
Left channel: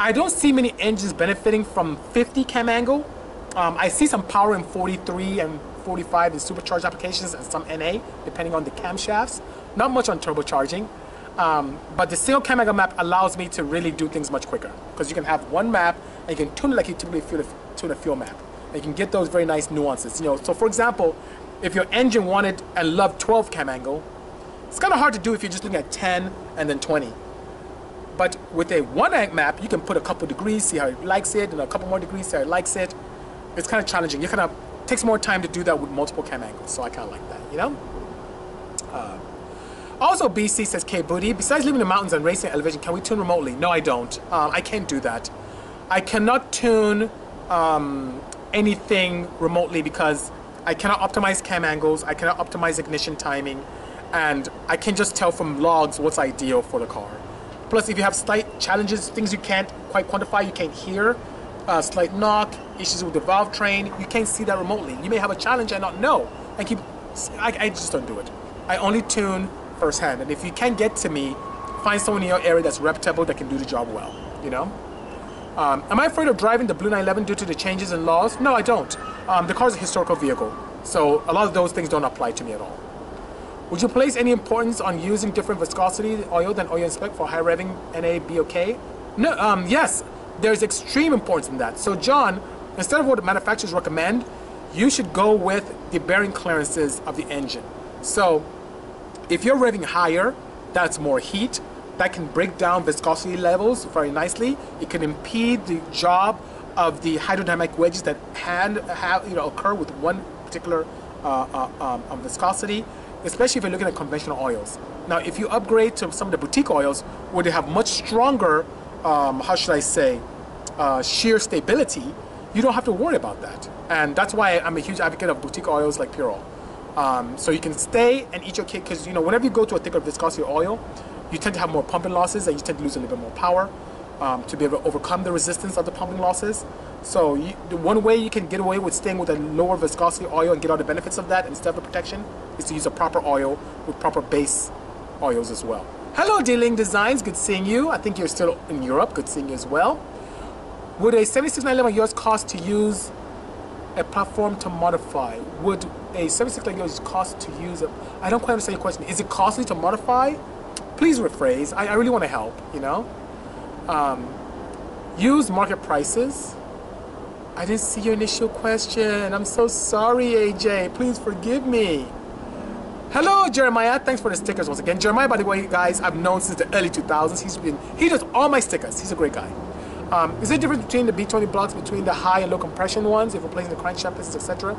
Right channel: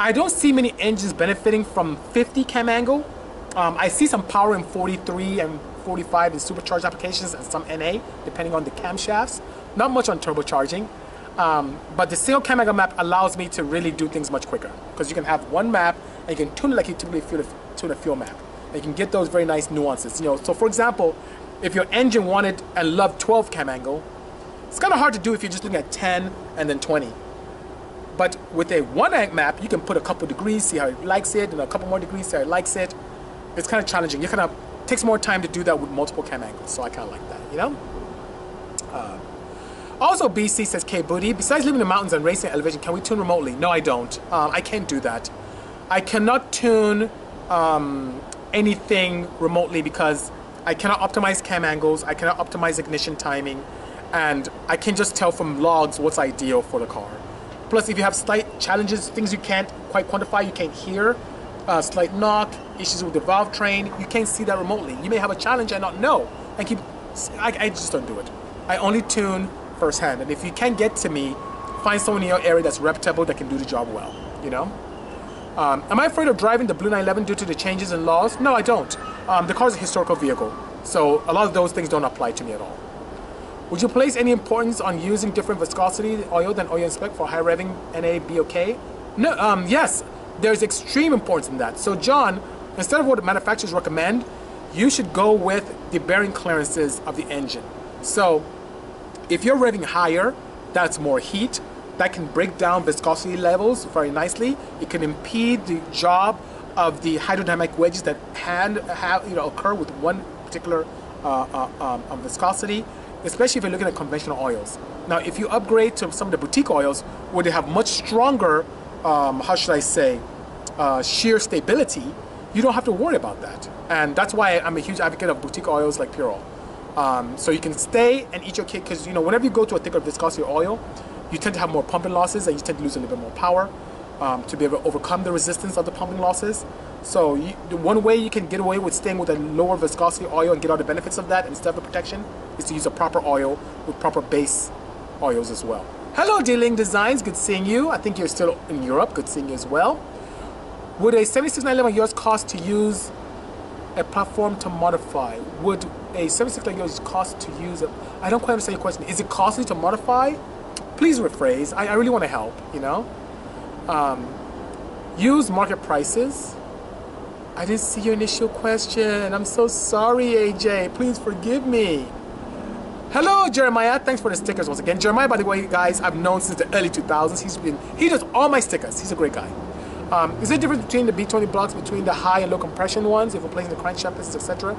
I don't see many engines benefiting from 50 cam angle. I see some power in 43 and 45 in supercharged applications and some NA, depending on the camshafts. Not much on turbocharging. But the single cam angle map allows me to really do things much quicker, because you can have one map and you can tune it like you typically tune a fuel map. And you can get those very nice nuances. You know, so for example, if your engine wanted and loved 12 cam angle, it's kind of hard to do if you're just looking at 10 and then 20. But with a one angle map, you can put a couple degrees, see how it likes it, and a couple more degrees, see how it likes it. It's kind of challenging. It takes more time to do that with multiple cam angles, so I kind of like that, you know? Also, BC says, K Booty, besides living in the mountains and racing at elevation, can we tune remotely? No, I don't. I can't do that. I cannot tune anything remotely because I cannot optimize cam angles, I cannot optimize ignition timing, and I can just tell from logs what's ideal for the car. Plus, if you have slight challenges, things you can't quite quantify, you can't hear, slight knock, issues with the valve train, you can't see that remotely. You may have a challenge and not know, and I just don't do it. I only tune firsthand, and if you can't get to me, find someone in your area that's reputable that can do the job well, you know? Am I afraid of driving the Blue 911 due to the changes in laws? No, I don't. The car is a historical vehicle, so a lot of those things don't apply to me at all. Would you place any importance on using different viscosity oil than oil in spec for high revving NA BOK? No, yes, there's extreme importance in that. So John, instead of what the manufacturers recommend, you should go with the bearing clearances of the engine. So if you're revving higher, that's more heat. That can break down viscosity levels very nicely. It can impede the job of the hydrodynamic wedges that occur with one particular viscosity, especially if you're looking at conventional oils. Now, if you upgrade to some of the boutique oils where they have much stronger, how should I say, shear stability, you don't have to worry about that. And that's why I'm a huge advocate of boutique oils like Pure Oil. So you can stay and eat your cake, because whenever you go to a thicker viscosity oil, you tend to have more pumping losses and you tend to lose a little bit more power to be able to overcome the resistance of the pumping losses. So the one way you can get away with staying with a lower viscosity oil and get all the benefits of that instead of the protection is to use a proper oil with proper base oils as well. Hello, D-Ling Designs, good seeing you. I think you're still in Europe, good seeing you as well. Would a 7611 yours cost to use a platform to modify? Would a 76 yours cost to use I don't quite understand your question. Is it costly to modify? Please rephrase. I really want to help, use market prices. I didn't see your initial question. I'm so sorry, AJ. Please forgive me. Hello, Jeremiah. Thanks for the stickers once again. Jeremiah, by the way, guys, I've known since the early 2000s. He does all my stickers. He's a great guy. Is there a difference between the B20 blocks, between the high and low compression ones, if we're placing the crankshaft pistons, etc.?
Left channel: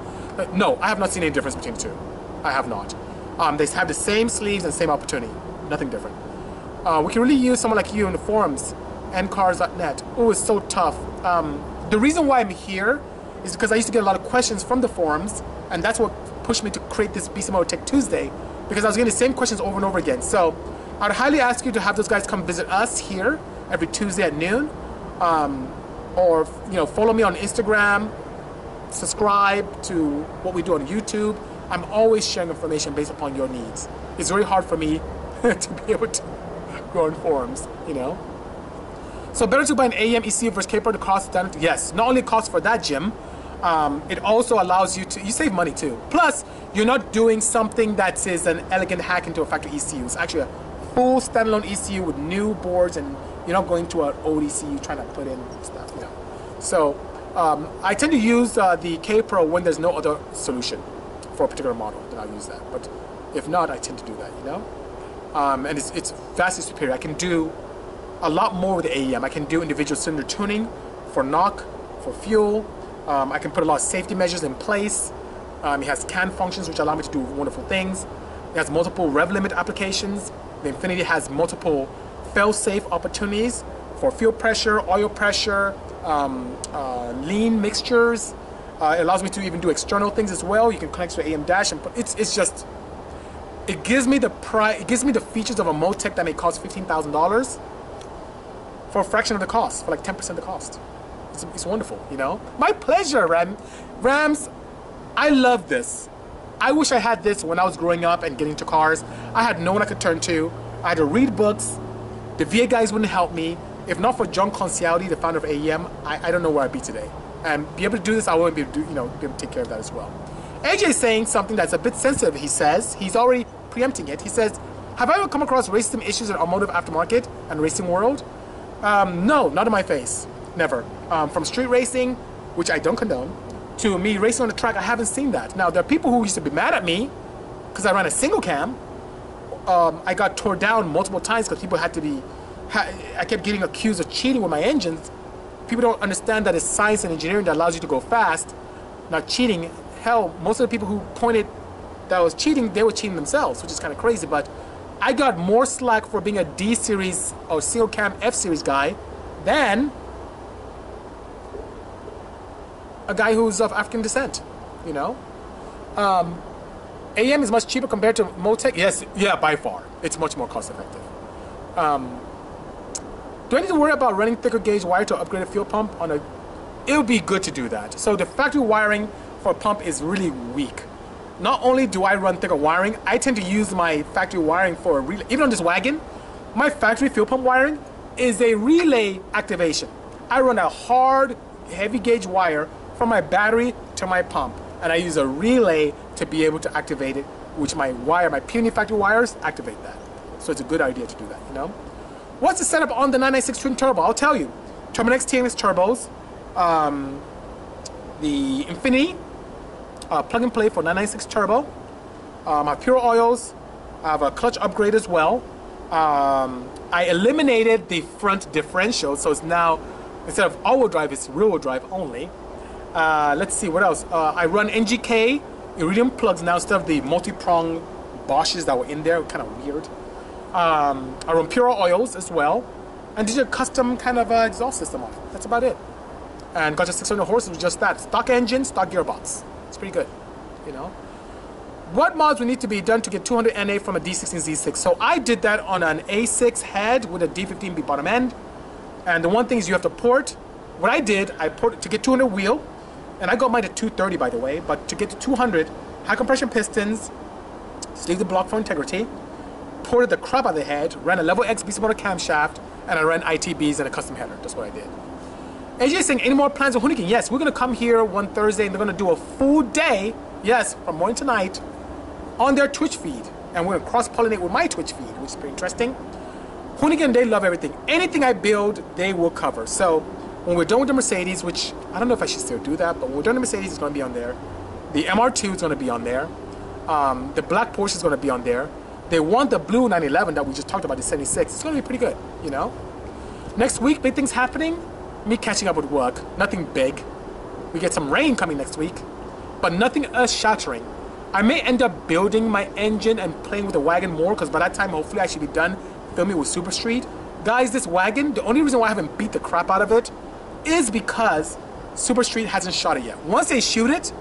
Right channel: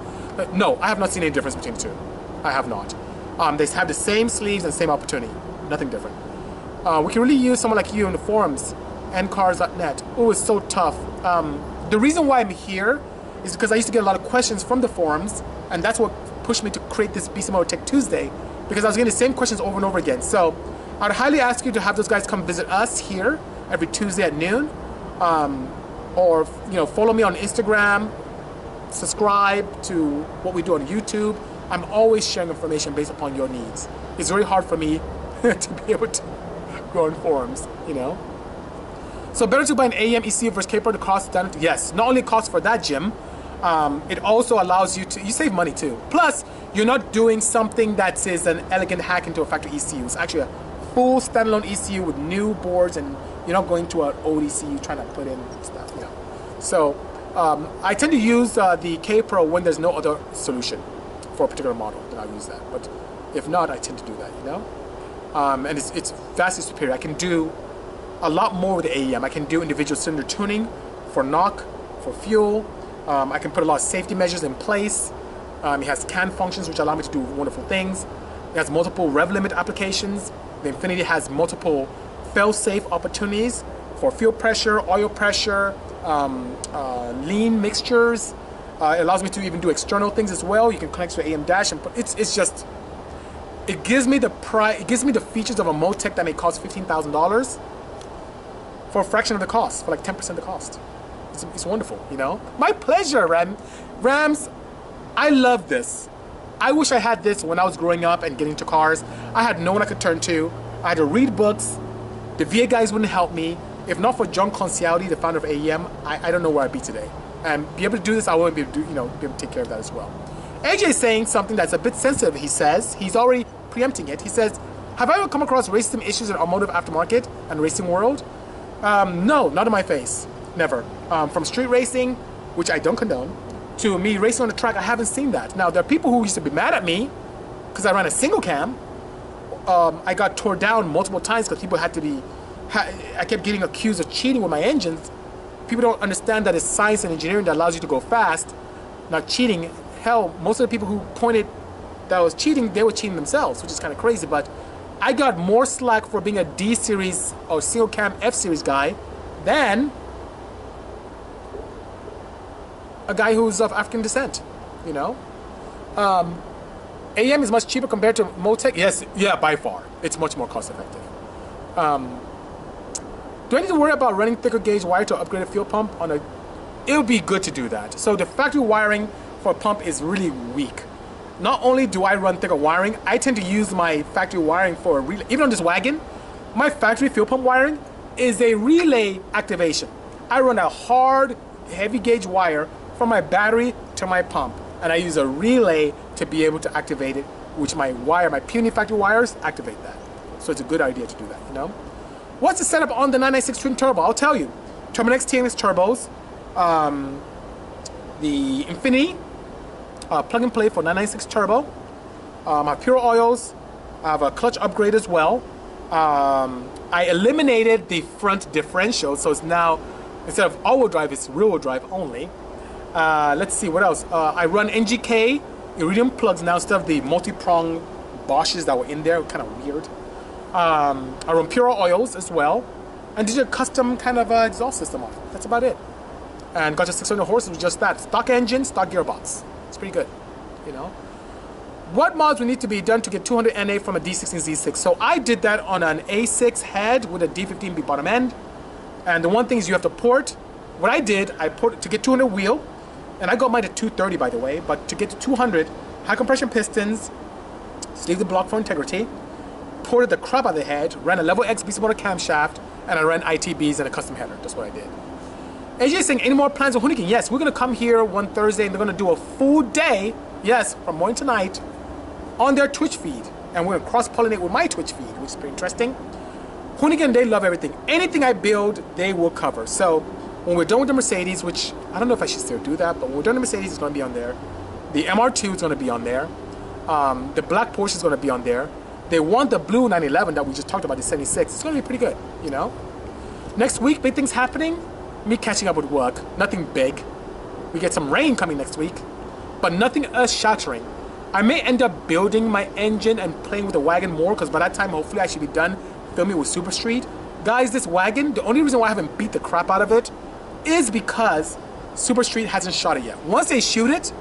No, I have not seen any difference between the two. I have not. They have the same sleeves and same opportunity. Nothing different. We can really use someone like you in the forums, ncars.net. Oh, it's so tough. The reason why I'm here is because I used to get a lot of questions from the forums, and that's what pushed me to create this Bisimoto Tech2sDay, because I was getting the same questions over and over again. So I'd highly ask you to have those guys come visit us here every Tuesday at noon, or follow me on Instagram, subscribe to what we do on YouTube. I'm always sharing information based upon your needs. It's very hard for me to be able to go on forums, So better to buy an AEM ECU versus K-Pro to cost down. Yes, not only cost for that, Jim, it also allows you save money too. Plus, you're not doing something that is an elegant hack into a factory ECU. It's actually a full standalone ECU with new boards, and you're not going to an old ECU trying to put in stuff. So I tend to use the K-Pro when there's no other solution for a particular model. Then I'll use that. But if not, I tend to do that. And it's vastly superior. I can do a lot more with the AEM. I can do individual cylinder tuning for knock, for fuel. I can put a lot of safety measures in place. It has CAN functions, which allow me to do wonderful things. It has multiple rev limit applications. The Infinity has multiple fail-safe opportunities for fuel pressure, oil pressure, lean mixtures. It allows me to even do external things as well. You can connect to the AEM dash, and it gives me the features of a Motec that may cost $15,000 for a fraction of the cost, for like 10% of the cost. It's wonderful, My pleasure, Rams. I love this. I wish I had this when I was growing up and getting into cars. I had no one I could turn to. I had to read books. The VA guys wouldn't help me. If not for John Concialdi, the founder of AEM, I don't know where I'd be today. And be able to do this, I wouldn't be able to be able to take care of that as well. AJ is saying something that's a bit sensitive. He says, he's already preempting it. He says, have I ever come across racism issues in automotive aftermarket and racing world? No, not in my face. Never. From street racing, which I don't condone, to me racing on the track, I haven't seen that. Now, there are people who used to be mad at me because I ran a single cam. I got tore down multiple times because people had to be, I kept getting accused of cheating with my engines. People don't understand that it's science and engineering that allows you to go fast, not cheating. Hell, most of the people who pointed that I was cheating, they were cheating themselves, which is kind of crazy. But I got more slack for being a D series or single cam F series guy than a guy who's of African descent, AEM is much cheaper compared to Motec. Yes, yeah, by far. It's much more cost effective. Do I need to worry about running thicker gauge wire to upgrade a fuel pump on a? It would be good to do that. So the factory wiring for a pump is really weak. Not only do I run thicker wiring, I tend to use my factory wiring for a relay. Even on this wagon, my factory fuel pump wiring is a relay activation. I run a hard, heavy gauge wire from my battery to my pump, and I use a relay to be able to activate it, which my puny factory wires activate that. So it's a good idea to do that, What's the setup on the 996 twin turbo? I'll tell you. Terminex TNX turbos, the Infinity, plug and play for 996 turbo. I have pure oils. I have a clutch upgrade as well. I eliminated the front differential, so it's now Instead of all-wheel drive, it's rear-wheel drive only. Let's see, what else? I run NGK iridium plugs now instead of the multi-prong Bosches that were in there, kind of weird. I run pure oils as well. And did a custom kind of exhaust system on it. That's about it. And got just 600 horses with just that. Stock engine, stock gearbox. It's pretty good, you know. What mods would need to be done to get 200 NA from a D16 Z6? So I did that on an A6 head with a D15B bottom end. And the one thing is you have to port. What I did, I ported to get 200 wheel. And I got mine to 230, by the way. But to get to 200, high compression pistons, sleeve the block for integrity, ported the crap out of the head, ran a level X Bisimoto camshaft, and I ran ITBs and a custom header. That's what I did. AJ is saying, any more plans on Hoonigan? Yes, we're going to come here one Thursday and they're going to do a full day, yes, from morning to night, on their Twitch feed. And we're going to cross-pollinate with my Twitch feed, which is pretty interesting. Hoonigan, they love everything. Anything I build, they will cover. So when we're done with the Mercedes, which I don't know if I should still do that, but when we're done with the Mercedes, it's going to be on there. The MR2 is going to be on there. The black Porsche is going to be on there. They want the blue 911 that we just talked about, the 76. It's going to be pretty good, you know? Next week, big things happening. Me catching up with work. Nothing big. We get some rain coming next week, but nothing earth-shattering. I may end up building my engine and playing with the wagon more, because by that time, hopefully, I should be done filming with Super Street. Guys, this wagon, the only reason why I haven't beat the crap out of it is because Super Street hasn't shot it yet. Once they shoot it,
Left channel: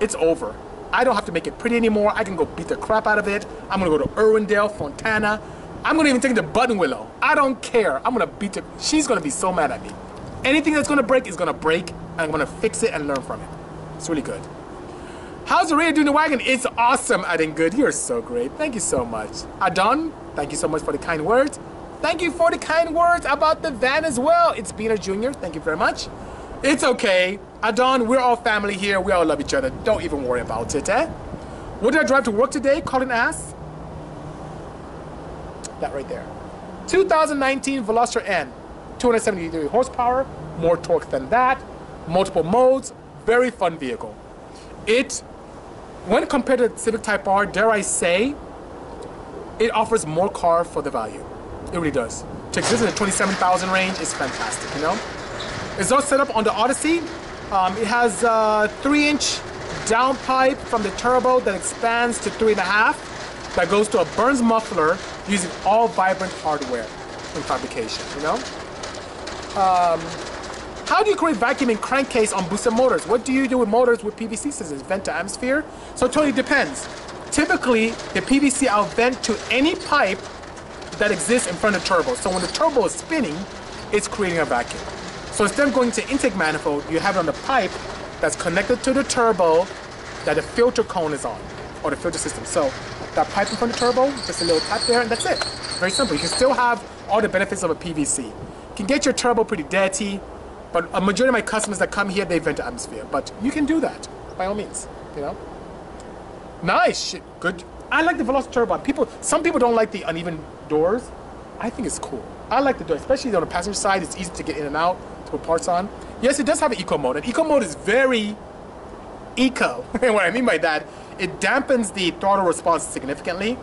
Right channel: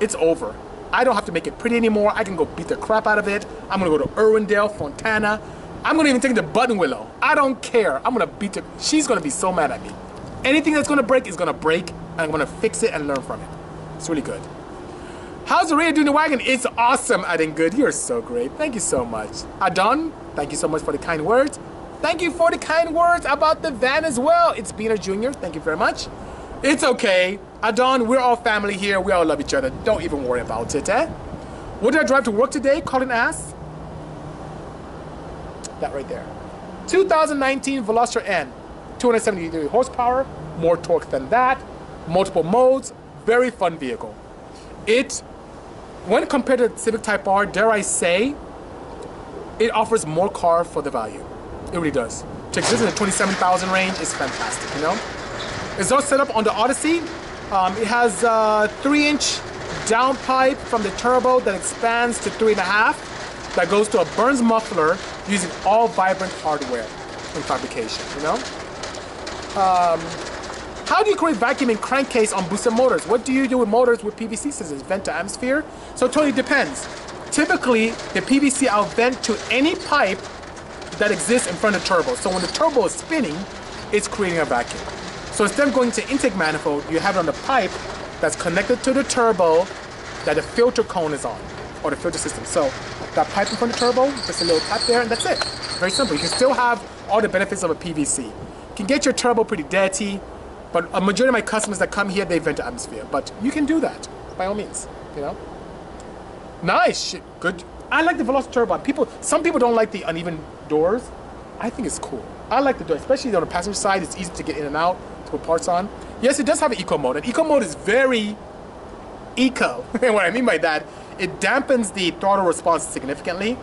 it's over. I don't have to make it pretty anymore. I can go beat the crap out of it. I'm gonna go to Irwindale, Fontana. I'm gonna even take the Button Willow. I don't care. I'm gonna beat it. She's gonna be so mad at me. Anything that's gonna break is gonna break, and I'm gonna fix it and learn from it. It's really good. How's the radio doing the wagon? It's awesome, Adding Good. You're so great. Thank you so much. Adon, thank you so much for the kind words. Thank you for the kind words about the van as well. It's Beaner Jr. Thank you very much. It's okay. Adon, we're all family here. We all love each other. Don't even worry about it, eh? What did I drive to work today? Colin asks. That right there. 2019 Veloster N. 273 horsepower. More torque than that. Multiple modes. Very fun vehicle. It, when compared to Civic Type R, dare I say, it offers more car for the value. It really does. To exist in the 27,000 range is fantastic, you know? It's all set up on the Odyssey. It has a 3-inch downpipe from the turbo that expands to 3.5 that goes to a Burns muffler using all vibrant hardware in fabrication, you know? How do you create vacuum in crankcase on boosted motors? What do you do with motors with PVC systems? Vent to atmosphere? So it totally depends. Typically, the PVC I'll vent to any pipe that exists in front of the turbo. So when the turbo is spinning, it's creating a vacuum. So instead of going to intake manifold, you have it on the pipe that's connected to the turbo that the filter cone is on, or the filter system. So that pipe in front of the turbo, just a little tap there, and that's it. Very simple. You can still have all the benefits of a PVC. You can get your turbo pretty dirty, but a majority of my customers that come here, they vent to atmosphere. But you can do that, by all means, you know? Nice, shit, good. I like the Veloster turbo. Some people don't like the uneven doors. I think it's cool. I like the door, especially on the passenger side. It's easy to get in and out, to put parts on. Yes, it does have an eco mode, and eco mode is very eco. And what I mean by that, it dampens the throttle response significantly.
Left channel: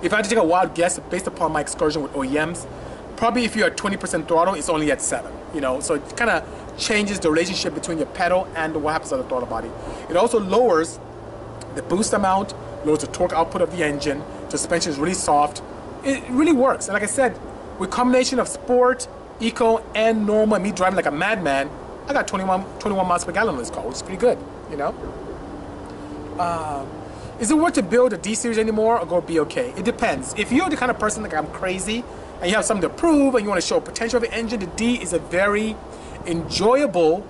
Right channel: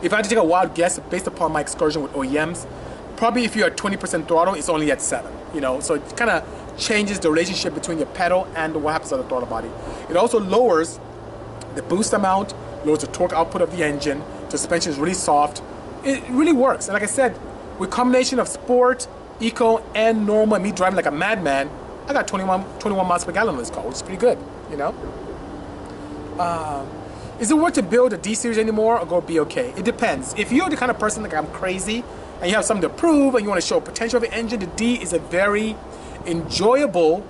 If I had to take a wild guess, based upon my excursion with OEMs, probably if you're at 20% throttle, it's only at 7, you know? So it kind of changes the relationship between your pedal and what happens on the throttle body. It also lowers the boost amount, lowers the torque output of the engine. The suspension is really soft. It really works. And like I said, with combination of sport, eco, and normal, and me driving like a madman, I got 21 miles per gallon on this car, which is pretty good, you know? Is it worth to build a D series anymore or go BOK? It depends. If you're the kind of person like I'm crazy and you have something to prove and you want to show potential of the engine, the D is a very enjoyable,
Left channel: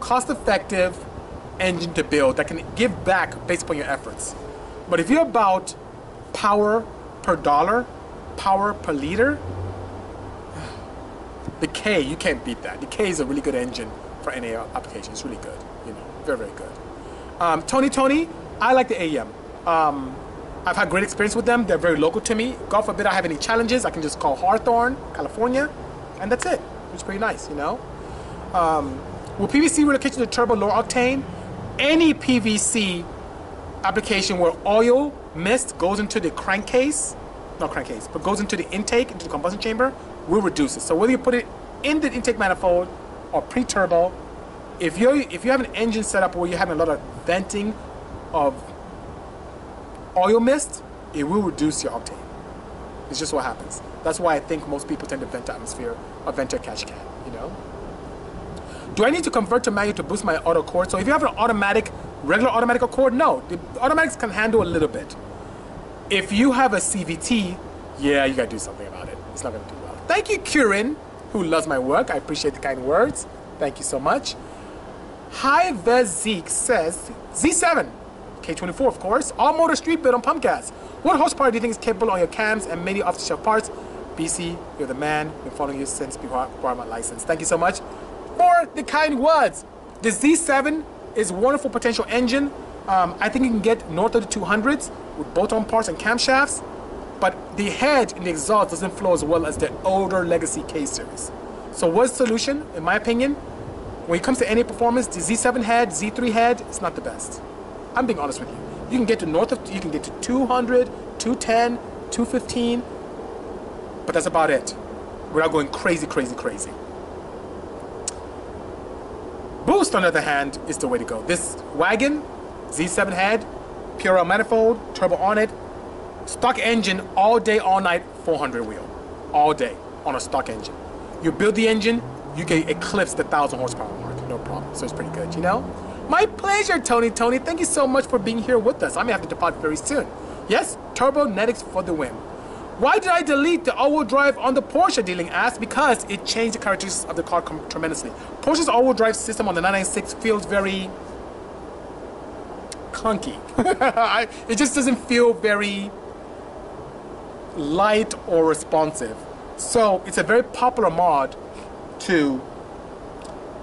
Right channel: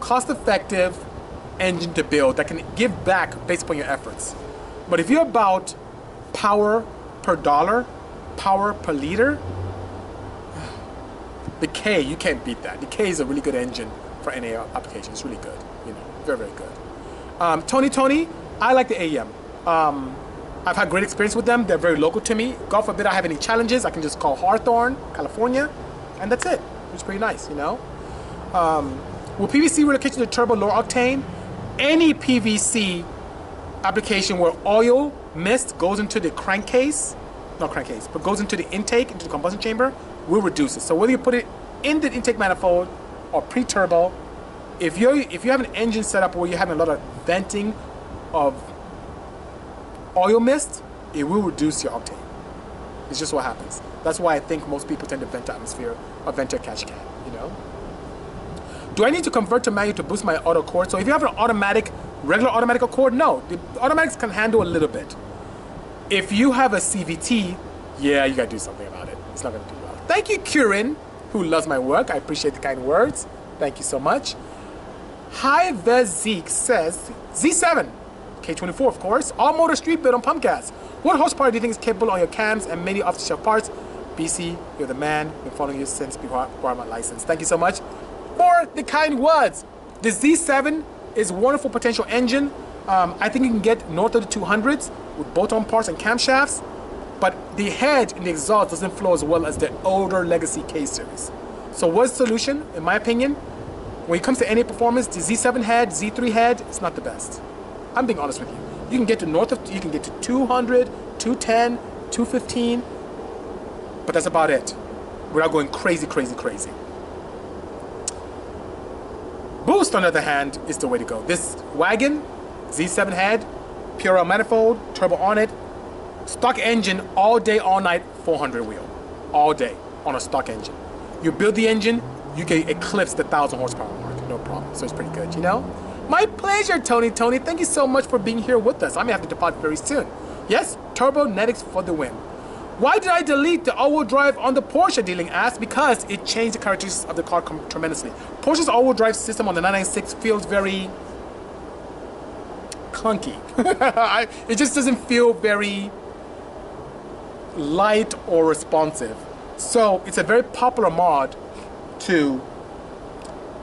cost-effective engine to build that can give back based upon your efforts. But if you're about power per dollar, power per liter, the K, you can't beat that. The K is a really good engine for NA applications. It's really good, you know, very, very good. Tony, I like the AEM. I've had great experience with them. They're very local to me. God forbid I have any challenges, I can just call Hawthorne, California, and that's it. It's pretty nice, you know. Will PVC relocation to turbo lower octane? Any PVC application where oil mist goes into the crankcase, not crankcase, but goes into the intake, into the combustion chamber, will reduce it. So whether you put it in the intake manifold or pre-turbo, if you have an engine setup where you're having a lot of venting of oil mist, it will reduce your octane. It's just what happens. That's why I think most people tend to vent to atmosphere or vent to a catch can, you know? Do I need to convert to manual to boost my auto cord? So if you have an automatic, regular automatic cord, no. The automatics can handle a little bit. If you have a CVT, yeah, you gotta do something about it. It's not gonna do well. Thank you, Kieran, who loves my work. I appreciate the kind words. Thank you so much. Hi, Zeke says, Z7, K24, of course, all motor street built on pump gas. What horsepower do you think is capable on your cams and many off-the-shelf parts? BC, you're the man. Been following you since before my license. Thank you so much for the kind words. The Z7 is a wonderful potential engine. I think you can get north of the 200s with bolt-on parts and camshafts, but the head in the exhaust doesn't flow as well as the older legacy K series. So what's the solution? In my opinion, when it comes to NA performance, the Z7 head, Z3 head, it's not the best. I'm being honest with you. You can get to you can get to 200, 210, 215, but that's about it. Without going crazy, crazy, crazy. Boost, on the other hand, is the way to go. This wagon, Z7 head, pure manifold, turbo on it, stock engine, all day, all night, 400 wheel. All day on a stock engine. You build the engine, you can eclipse the 1,000 horsepower mark, no problem. So it's pretty good, you know? My pleasure, Tony. Thank you so much for being here with us. I may have to depart very soon. Yes, Turbonetics for the win. Why did I delete the all-wheel drive on the Porsche, Dealing asked? Because it changed the characteristics of the car tremendously. Porsche's all-wheel drive system on the 996 feels very clunky. It just doesn't feel very light or responsive. So it's a very popular mod to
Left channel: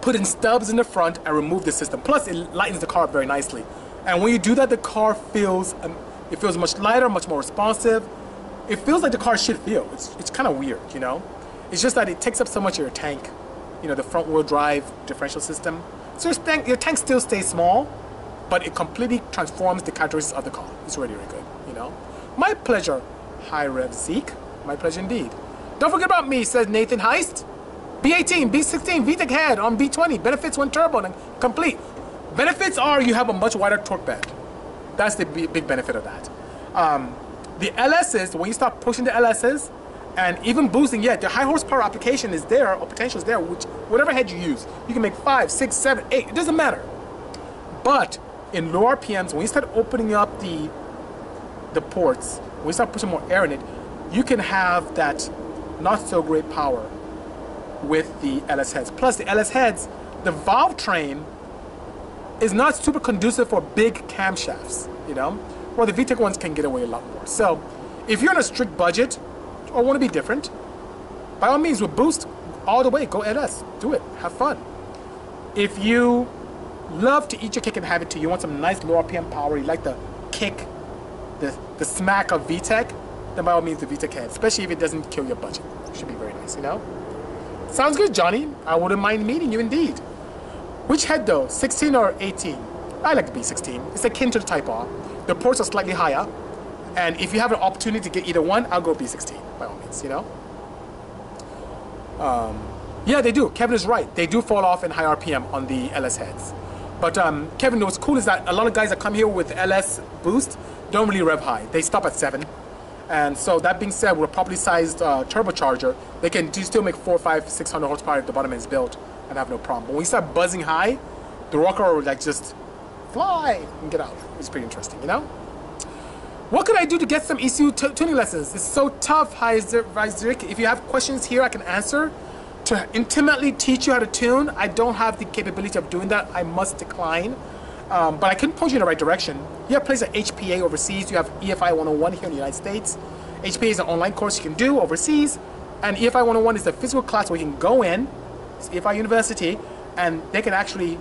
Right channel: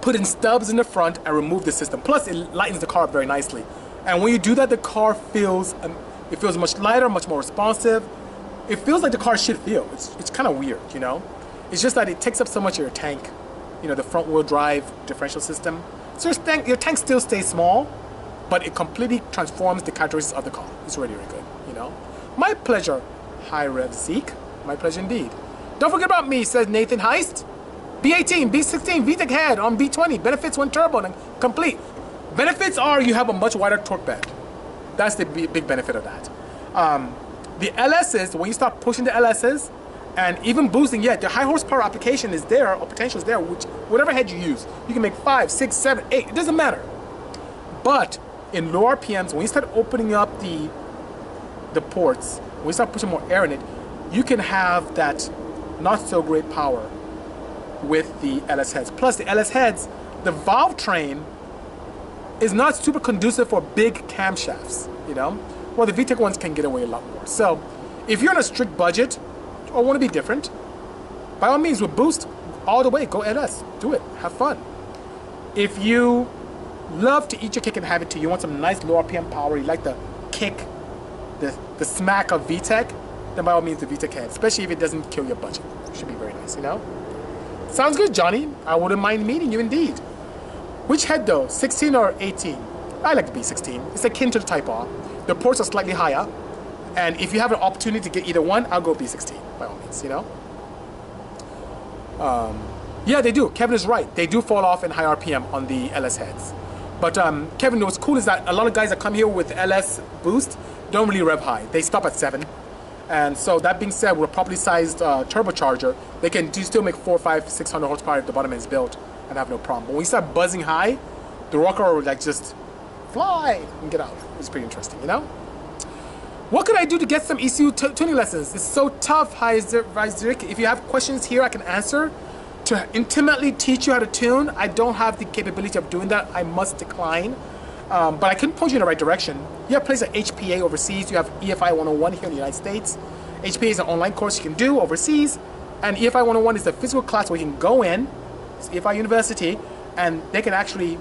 put in stubs in the front and remove the system. Plus, it lightens the car up very nicely. And when you do that, the car feels much lighter, much more responsive. It feels like the car should feel. It's kind of weird, you know? It's just that it takes up so much of your tank, you know, the front wheel drive differential system. So your tank still stays small, but it completely transforms the characteristics of the car. It's really, really good, you know? My pleasure, High Rev Zeke. My pleasure indeed. Don't forget about me, says Nathan Heist. B18, B16, VTEC head on B20. Benefits when turbo and complete. Benefits are you have a much wider torque bed. That's the big benefit of that. The LSs, when you start pushing the LSs and even boosting, yeah, the high horsepower application is there or potential is there, which whatever head you use, you can make 5, 6, 7, 8, it doesn't matter. But in low RPMs, when you start opening up the ports, when you start pushing more air in it, you can have that not so great power with the LS heads. Plus the LS heads, the valve train is not super conducive for big camshafts, you know? Well, the VTEC ones can get away a lot more. So if you're on a strict budget or want to be different, by all means, with Boost, all the way, go LS, do it, have fun. If you love to eat your cake and have it too, you want some nice low RPM power, you like the kick, the smack of VTEC, then by all means the VTEC head, especially if it doesn't kill your budget. It should be very nice, you know? Sounds good, Johnny. I wouldn't mind meeting you indeed. Which head though, 16 or 18? I like the B16. It's akin to the Type R. The ports are slightly higher, and if you have an opportunity to get either one, I'll go B16, by all means, you know? Yeah, they do. Kevin is right. They do fall off in high RPM on the LS heads. But Kevin, what's cool is that a lot of guys that come here with LS Boost don't really rev high. They stop at 7. And so that being said, with a properly sized turbocharger, they can still make 400, 500, 600 horsepower if the bottom end is built and have no problem. But when you start buzzing high, the rocker will like just fly and get out. It's pretty interesting, you know? What could I do to get some ECU tuning lessons? It's so tough, Heizik. If you have questions here, I can answer. To intimately teach you how to tune, I don't have the capability of doing that. I must decline. But I can point you in the right direction. You have places like HPA overseas. You have EFI 101 here in the United States. HPA is an online course you can do overseas. And EFI 101 is the physical class where you can go in. It's EFI University. And they can actually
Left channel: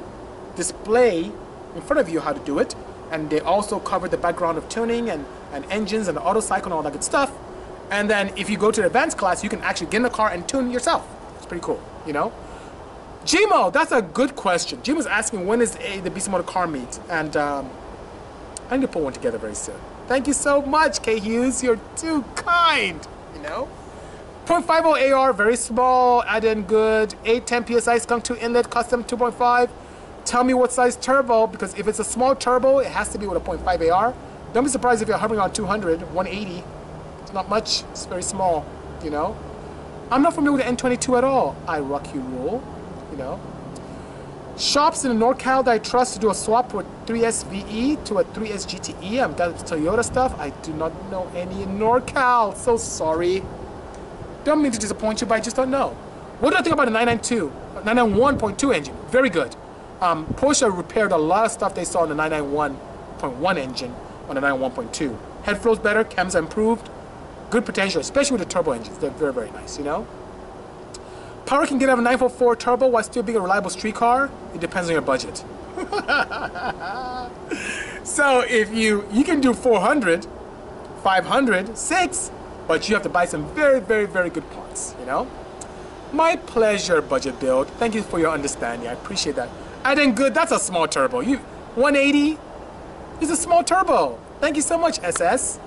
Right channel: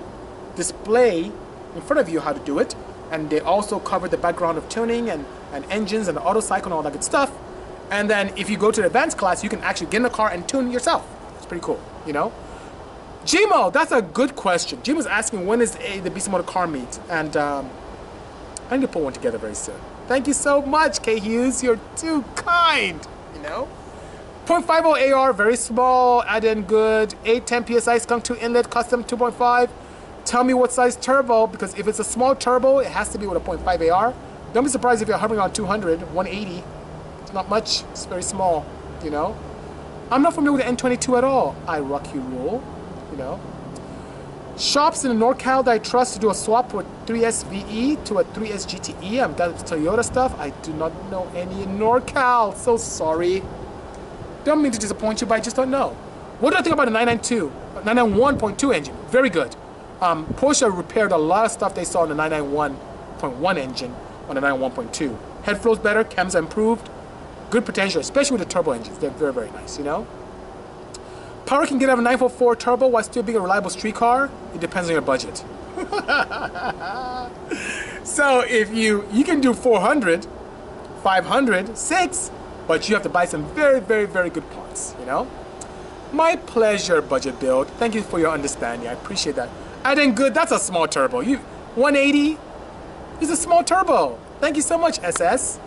display in front of you how to do it. And they also cover the background of tuning and engines and the auto cycle and all that good stuff. And then if you go to the advanced class, you can actually get in the car and tune yourself. It's pretty cool, you know? Gmo, that's a good question. Gmo's asking when is the Bisimoto car meet, and I need to put one together very soon. Thank you so much, K Hughes. You're too kind. You know, .50 AR, very small, add in good. 810 PSI, Skunk 2 inlet, custom 2.5. Tell me what size turbo, because if it's a small turbo, it has to be with a .5 AR. Don't be surprised if you're hovering on 200, 180. It's not much, it's very small, you know. I'm not familiar with the N22 at all. I rock you rule, you know. Shops in the NorCal that I trust to do a swap with 3S VE to a 3S GTE. That's Toyota stuff. I do not know any in NorCal, so sorry. Don't mean to disappoint you, but I just don't know. What do I think about the 991.2 engine? Very good. Porsche repaired a lot of stuff they saw in the 991.1 engine on the 991.2. Head flow's better, chems are improved. Good potential, especially with the turbo engines. They're very, very nice, you know? Power can get out of a 944 turbo while still being a reliable street car. It depends on your budget. So if you can do 400, 500, 6, but you have to buy some very, very, very good parts, you know? My pleasure, Budget Build. Thank you for your understanding. I appreciate that. And then good, that's a small turbo. 180 is a small turbo. Thank you so much, SS.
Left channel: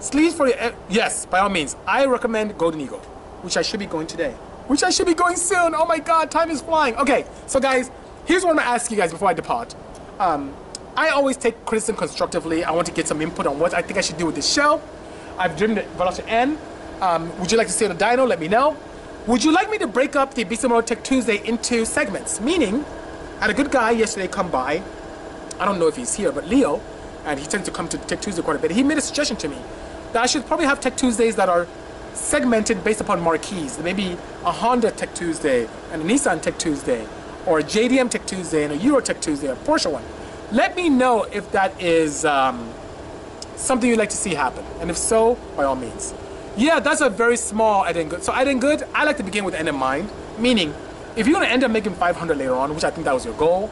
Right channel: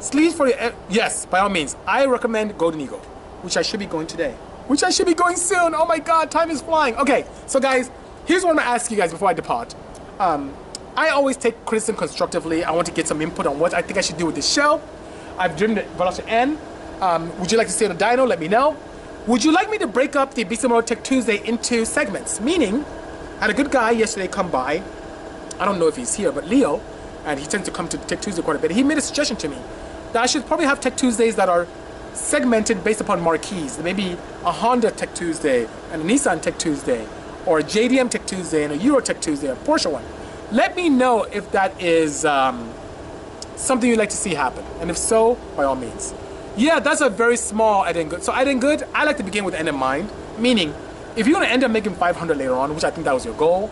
Sleeves for your, yes, by all means. I recommend Golden Eagle, which I should be going today. Which I should be going soon. Oh my God, time is flying. Okay, so guys, here's what I'm gonna ask you guys before I depart. I always take criticism constructively. I want to get some input on what I think I should do with this show. I've driven the Veloster N. Would you like to see the dyno? Let me know. Would you like me to break up the Bisimoto Tech2sDay into segments? Meaning, I had a good guy yesterday come by. I don't know if he's here, but Leo, and he tends to come to Tech2sDay quite a bit. He made a suggestion to me that I should probably have Tech2sDays that are segmented based upon marquees. Maybe a Honda Tech2sDay and a Nissan Tech2sDay, or a JDM Tech2sDay and a Euro Tech2sDay, a Porsche one. Let me know if that is something you'd like to see happen, and if so, by all means. Yeah, that's a very small add-in good. So add-in good, I like to begin with end in mind, meaning if you're gonna end up making 500 later on, which I think that was your goal,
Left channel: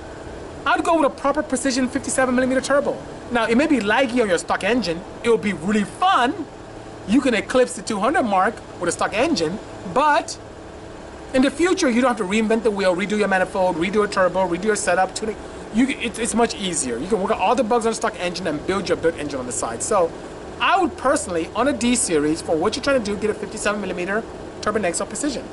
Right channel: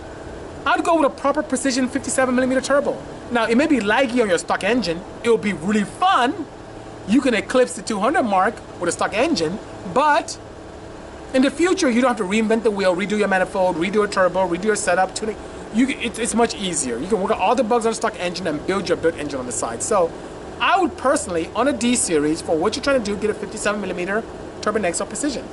I'd go with a proper precision 57mm turbo. Now, it may be laggy on your stock engine. It will be really fun. You can eclipse the 200 mark with a stock engine, but in the future, you don't have to reinvent the wheel, redo your manifold, redo a turbo, redo your setup, tuning. It's much easier. You can work out all the bugs on a stock engine and build your built engine on the side. So I would personally, on a D series, for what you're trying to do, get a 57mm turbo next or precision.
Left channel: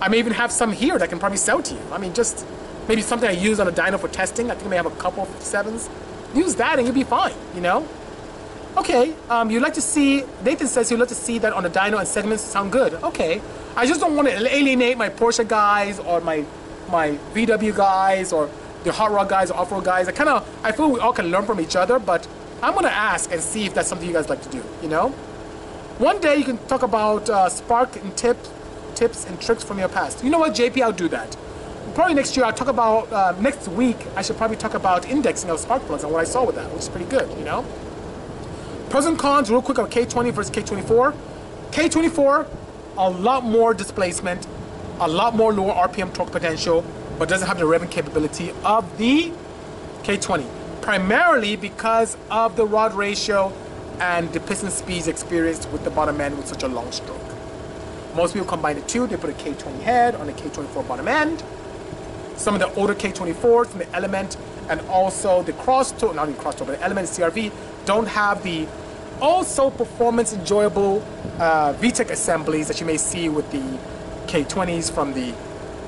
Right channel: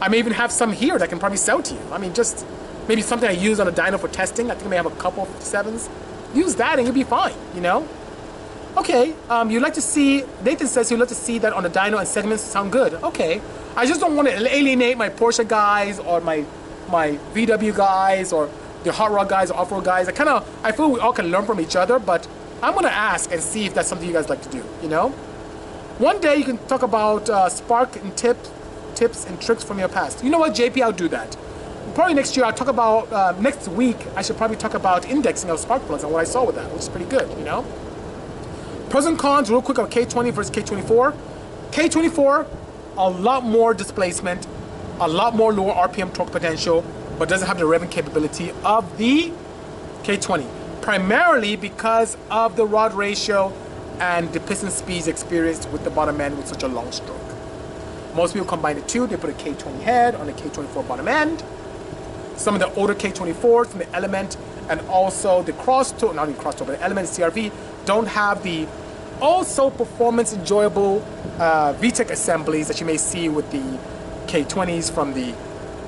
I may even have some here that I can probably sell to you. I mean, just maybe something I use on a dyno for testing. I think I may have a couple of 57s. Use that and you'll be fine, you know? Okay, you'd like to see, Nathan says you'd like to see that on the dyno and segments sound good. Okay, I just don't want to alienate my Porsche guys or my VW guys or the hot rod guys or off-road guys. I feel we all can learn from each other, but I'm gonna ask and see if that's something you guys like to do, you know? One day you can talk about spark and tips and tricks from your past. You know what, JP, I'll do that. Probably next year I'll talk about, next week, I should probably talk about indexing of spark plugs and what I saw with that, which is pretty good, you know? Pros and cons, real quick, on K20 versus K24. K24, a lot more displacement, a lot more lower RPM torque potential, but doesn't have the revving capability of the K20. Primarily because of the rod ratio and the piston speeds experienced with the bottom end with such a long stroke. Most people combine the two. They put a K20 head on the K24 bottom end. Some of the older K24s from the Element and also the Crosstour, not even Crosstour, but the Element CRV don't have the also performance enjoyable VTEC assemblies that you may see with the K20s from the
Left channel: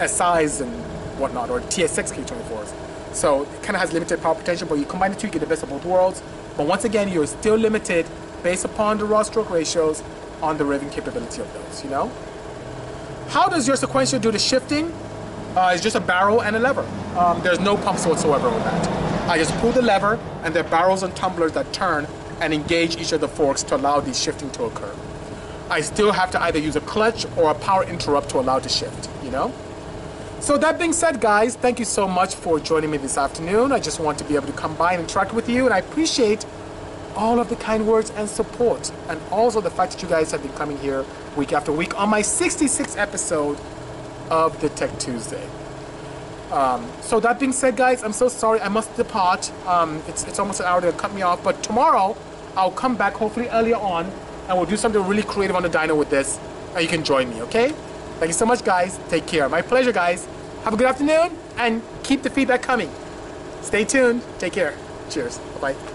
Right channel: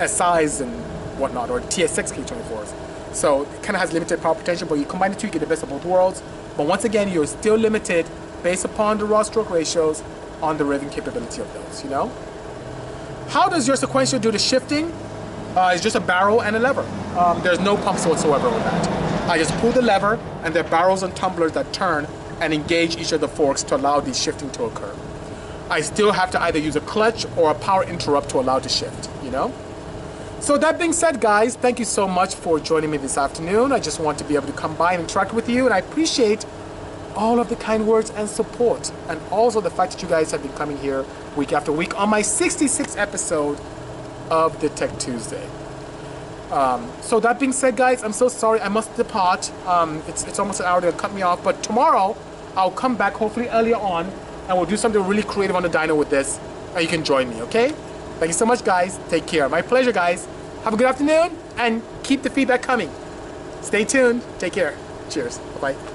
SIs and whatnot, or TSX K24s. So it kind of has limited power potential, but you combine the two, you get the best of both worlds. But once again, you're still limited based upon the raw stroke ratios on the revving capability of those, you know? How does your sequential do the shifting? It's just a barrel and a lever. There's no pumps whatsoever with that. I just pull the lever and there are barrels and tumblers that turn and engage each of the forks to allow the shifting to occur. I still have to either use a clutch or a power interrupt to allow the shift, you know? So that being said, guys, thank you so much for joining me this afternoon. I just want to be able to come by and interact with you, and I appreciate all of the kind words and support, and also the fact that you guys have been coming here week after week on my 66th episode of the Tech2sDay. So that being said, guys, I'm so sorry, I must depart. It's almost an hour, they'll cut me off, but tomorrow I'll come back, hopefully earlier on, and we'll do something really creative on the dyno with this, and you can join me, okay? Thank you so much, guys. Take care. My pleasure, guys. Have a good afternoon, and keep the feedback coming. Stay tuned. Take care. Cheers. Bye-bye.